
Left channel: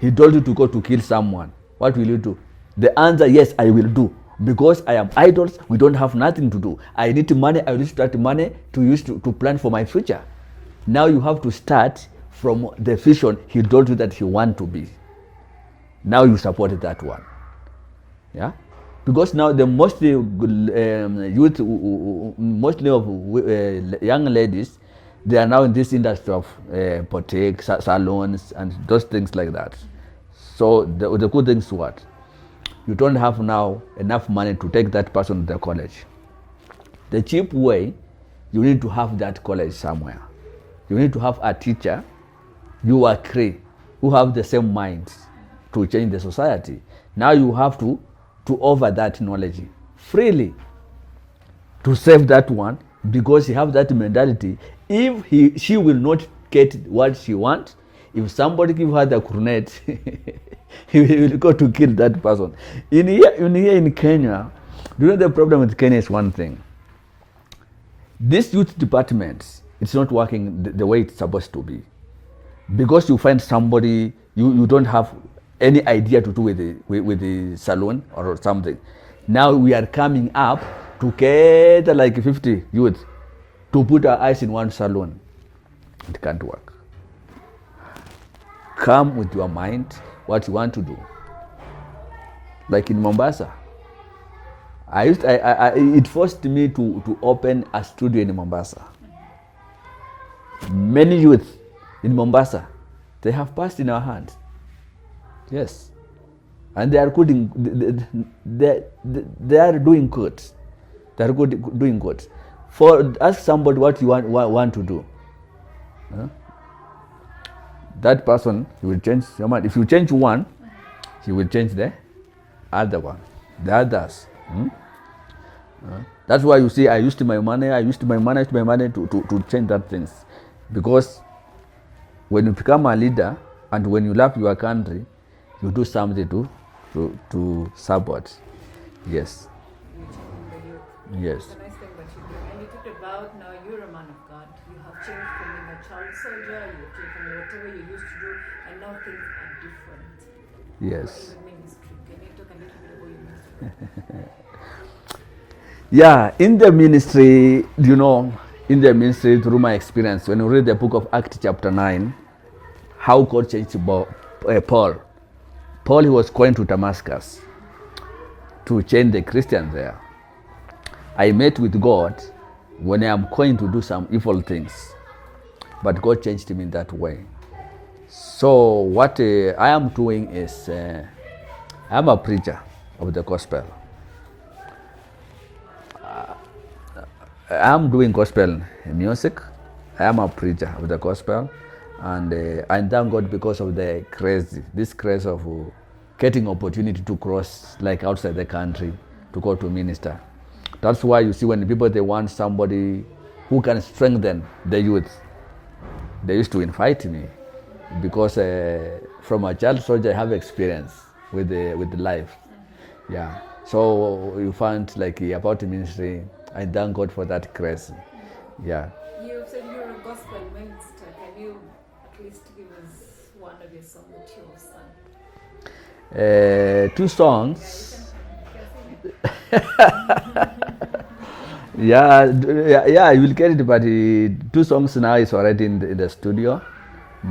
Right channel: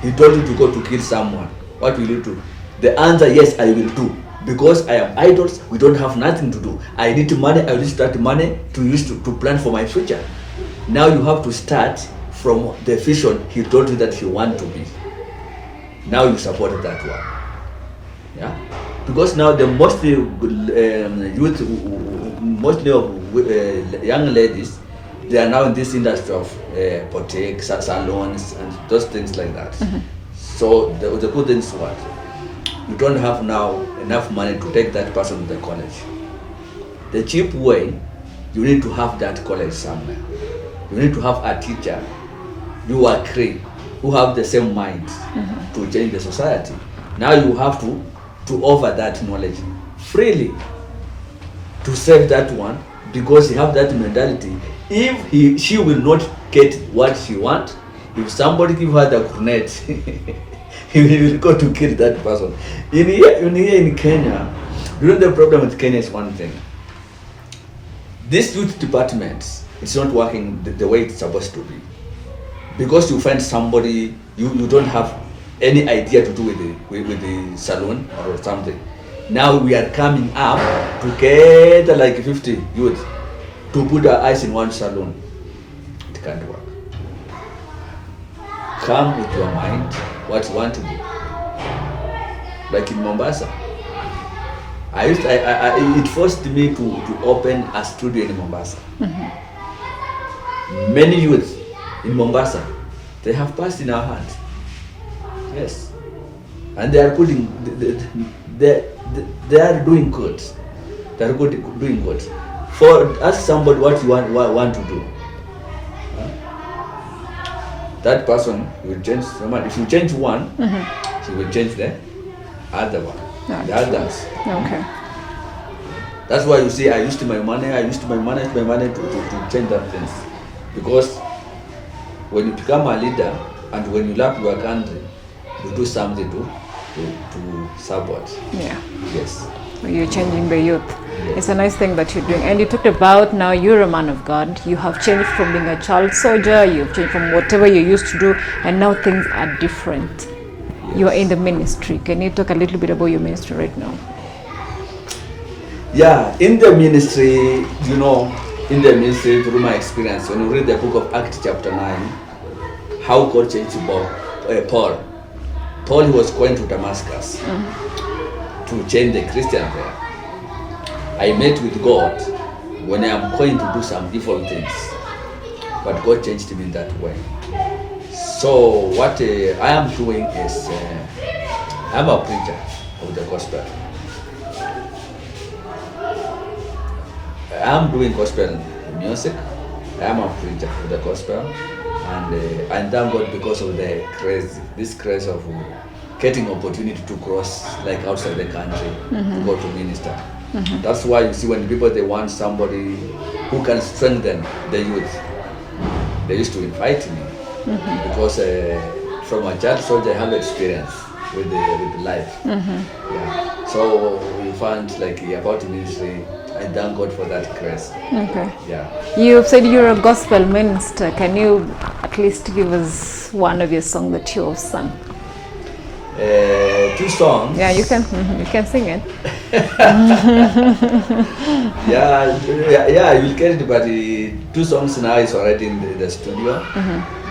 he told you to go to kill someone, what will you do? The answer, yes, I will do. Because I am idols, we don't have nothing to do. I need money, I will start money to use to plan for my future. Now you have to start from the vision he told you that he want to be. Now you support that one. Yeah? Because now the mostly youth, mostly of young ladies, they are now in this industry of boutique, salons, and those things like that. So the good thing is what? You don't have now enough money to take that person to the college. The cheap way, you need to have that college somewhere. You need to have a teacher, you are three, who have the same mind to change the society. Now you have to offer that knowledge freely to save that one, because you have that mentality. If she will not get what she wants, if somebody give her the coronet, he will go to kill that person. In Kenya, the problem with Kenya is one thing. This youth department, it's not working the way it's supposed to be. Because you find somebody, you don't have any idea to do with the salon or something. Now we are coming up to get like 50 youth to put our eyes in one salon. It can't work. Come with your mind, what you want to do. Like in Mombasa, it forced me to open a studio in Mombasa. Many youths in Mombasa, they have passed in our hands. Yes, and they are putting, they are doing good. They are doing good. For ask somebody what you want to do. That person will change someone. If you change one, he will change the other one. The others. Okay. That's why you see I used my money to change that things. Because when you become a leader and when you love your country, you do something to support. Yeah. Yes. You're changing the youth. Yes. It's a nice thing that you're doing. And you talked about now you're a man of God. You have changed from being a child soldier. You've changed from whatever you used to do. And now things are different. Yes. You are in the ministry. Can you talk a little bit about your ministry right now? Yeah, in the ministry, through my experience, when you read the book of Acts chapter 9, how God changed Paul. Paul, he was going to Damascus to change the Christians there. I met with God when I am going to do some evil things, but God changed me in that way. So what I am doing is, I am a preacher of the gospel. I am doing gospel music. I am a preacher of the gospel, and I thank God because of this craze of getting opportunity to cross like outside the country to go to minister. That's why you see when people they want somebody who can strengthen the youth, they used to invite me because from a child soldier I have experience with life. Yeah. So we found like about ministry. I thank God for that grace. Okay. Yeah. You've said you're a gospel minister. Can you at least give us one of your songs that you have sung? 2 songs. Yeah, you can sing it. Yeah, you will get it, but 2 songs now is already in the studio.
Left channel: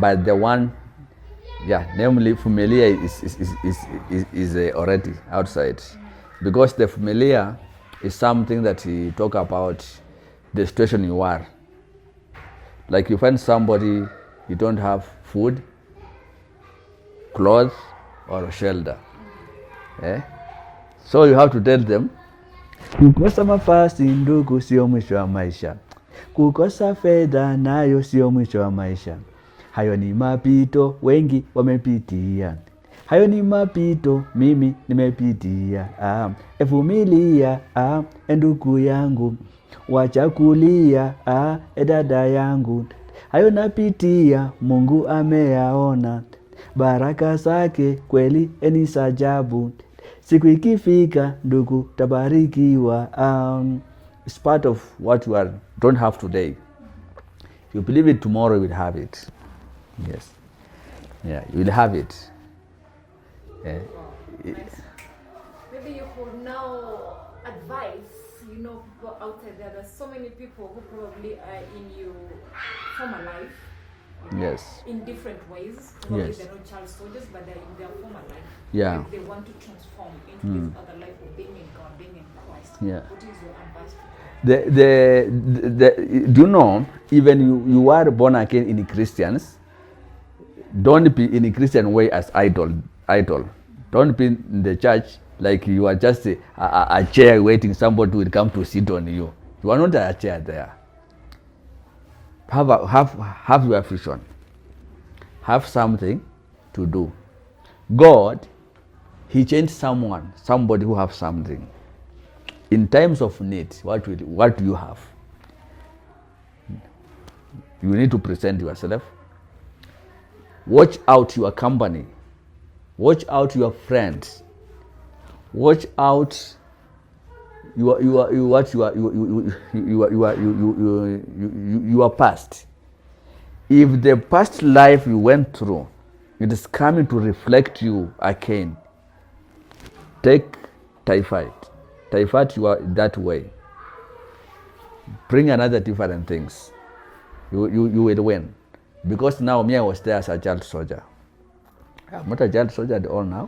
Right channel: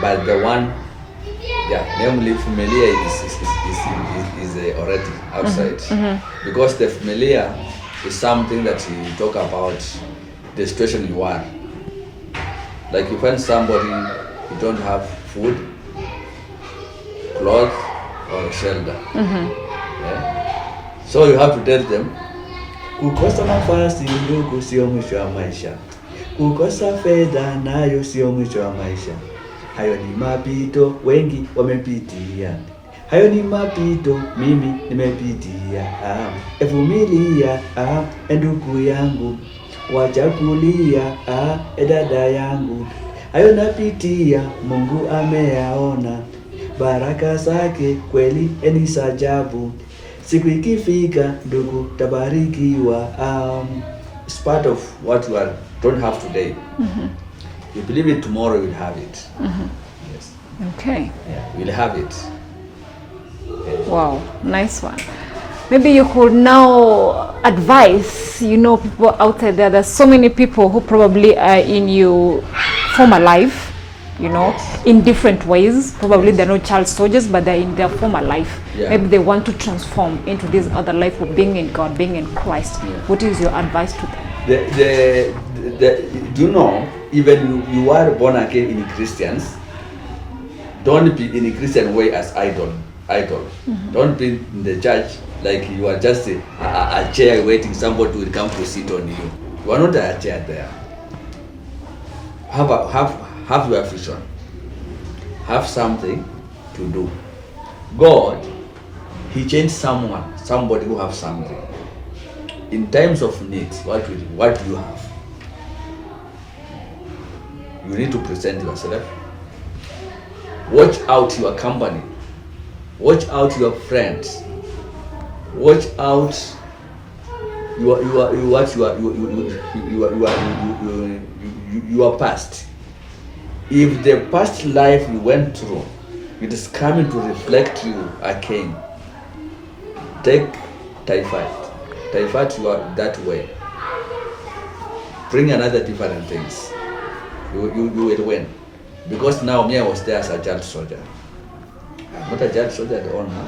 But the one, namely Familiar is already outside. Because the Familiar is something that you talk about the situation in war. Like you find somebody, you don't have food, clothes, on shoulder. So you have to tell them, kukosa nafasi ndugu sio mwisho wa maisha, kukosa fedha nayo sio mwisho wa maisha, hayo ni mapito, wengi wamepitia, hayo ni mapito, mimi nimepitia. Vumilia ndugu yangu, wacha kulia dada yangu, hayo napitia, Mungu ameyaona, baraka zake kweli ni sajabu, siku ikifika ndugu tabarikiwa. It's part of what you don't have today. You believe it, tomorrow you'll have it. Yes. Okay. Yeah, you'll have it. Wow, nice one. Maybe you could now advise, people outside there. There's so many people who probably are in your former life, in different ways. Probably they're not child soldiers, but they're in their former life. Yeah. Maybe they want to transform into this other life of being in God, being in Christ. Yeah. What is your advice to them? Do you know, even you are born again in Christians, don't be in a Christian way as idol. Don't be in the church like you are just a chair waiting somebody will come to sit on you. You are not a chair there. Have your vision. Have something to do. God, He changed somebody who have something. In times of need, what do you have? You need to present yourself. Watch out your company. Watch out your friends. Watch out your past. If the past life you went through, it is coming to reflect you again. Take typhoid you are that way. Bring another different things. You will win. Because now me, I was there as a child soldier. I'm not a child soldier at all now.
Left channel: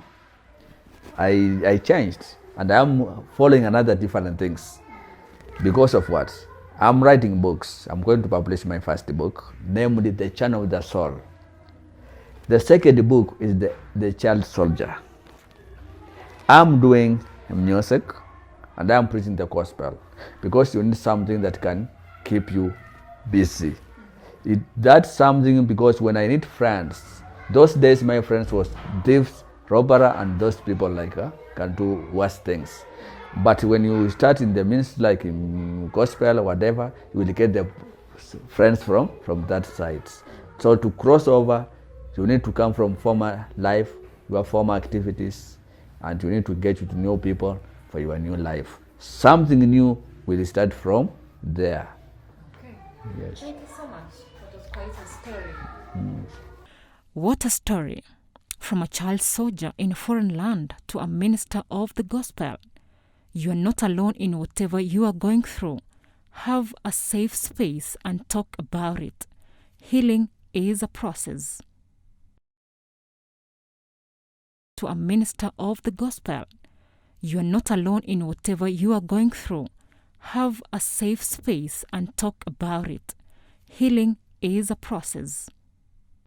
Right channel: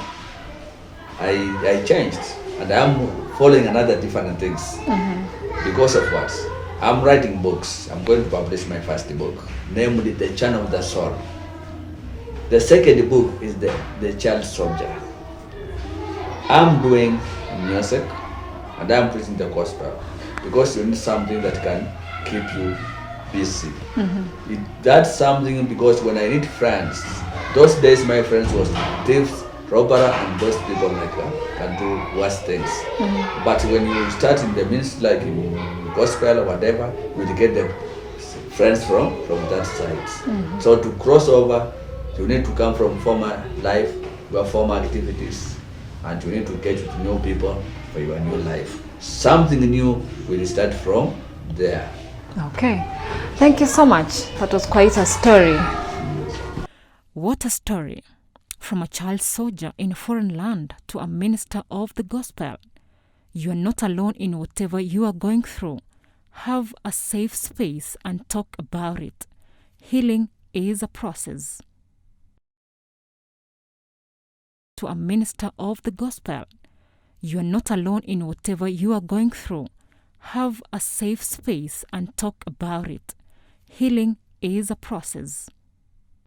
I changed and I'm following another different things. Because of what? I'm writing books. I'm going to publish my first book, namely The Channel of the Soul. The second book is the Child Soldier. I'm doing music and I'm preaching the gospel because you need something that can keep you busy. That's something because when I need friends, those days my friends was thieves, robber, and those people like that can do worse things. But when you start in the means like in gospel or whatever, you will get the friends from that side. So to cross over, you need to come from former life, your former activities, and you need to get to know people for your new life. Something new will start from there. Okay. Thank you so much. That was quite a story. What a story. From a child soldier in a foreign land to a minister of the gospel. You are not alone in whatever you are going through. Have a safe space and talk about it. Healing is a process. To a minister of the gospel. You are not alone in whatever you are going through. Have a safe space and talk about it. Healing is a process.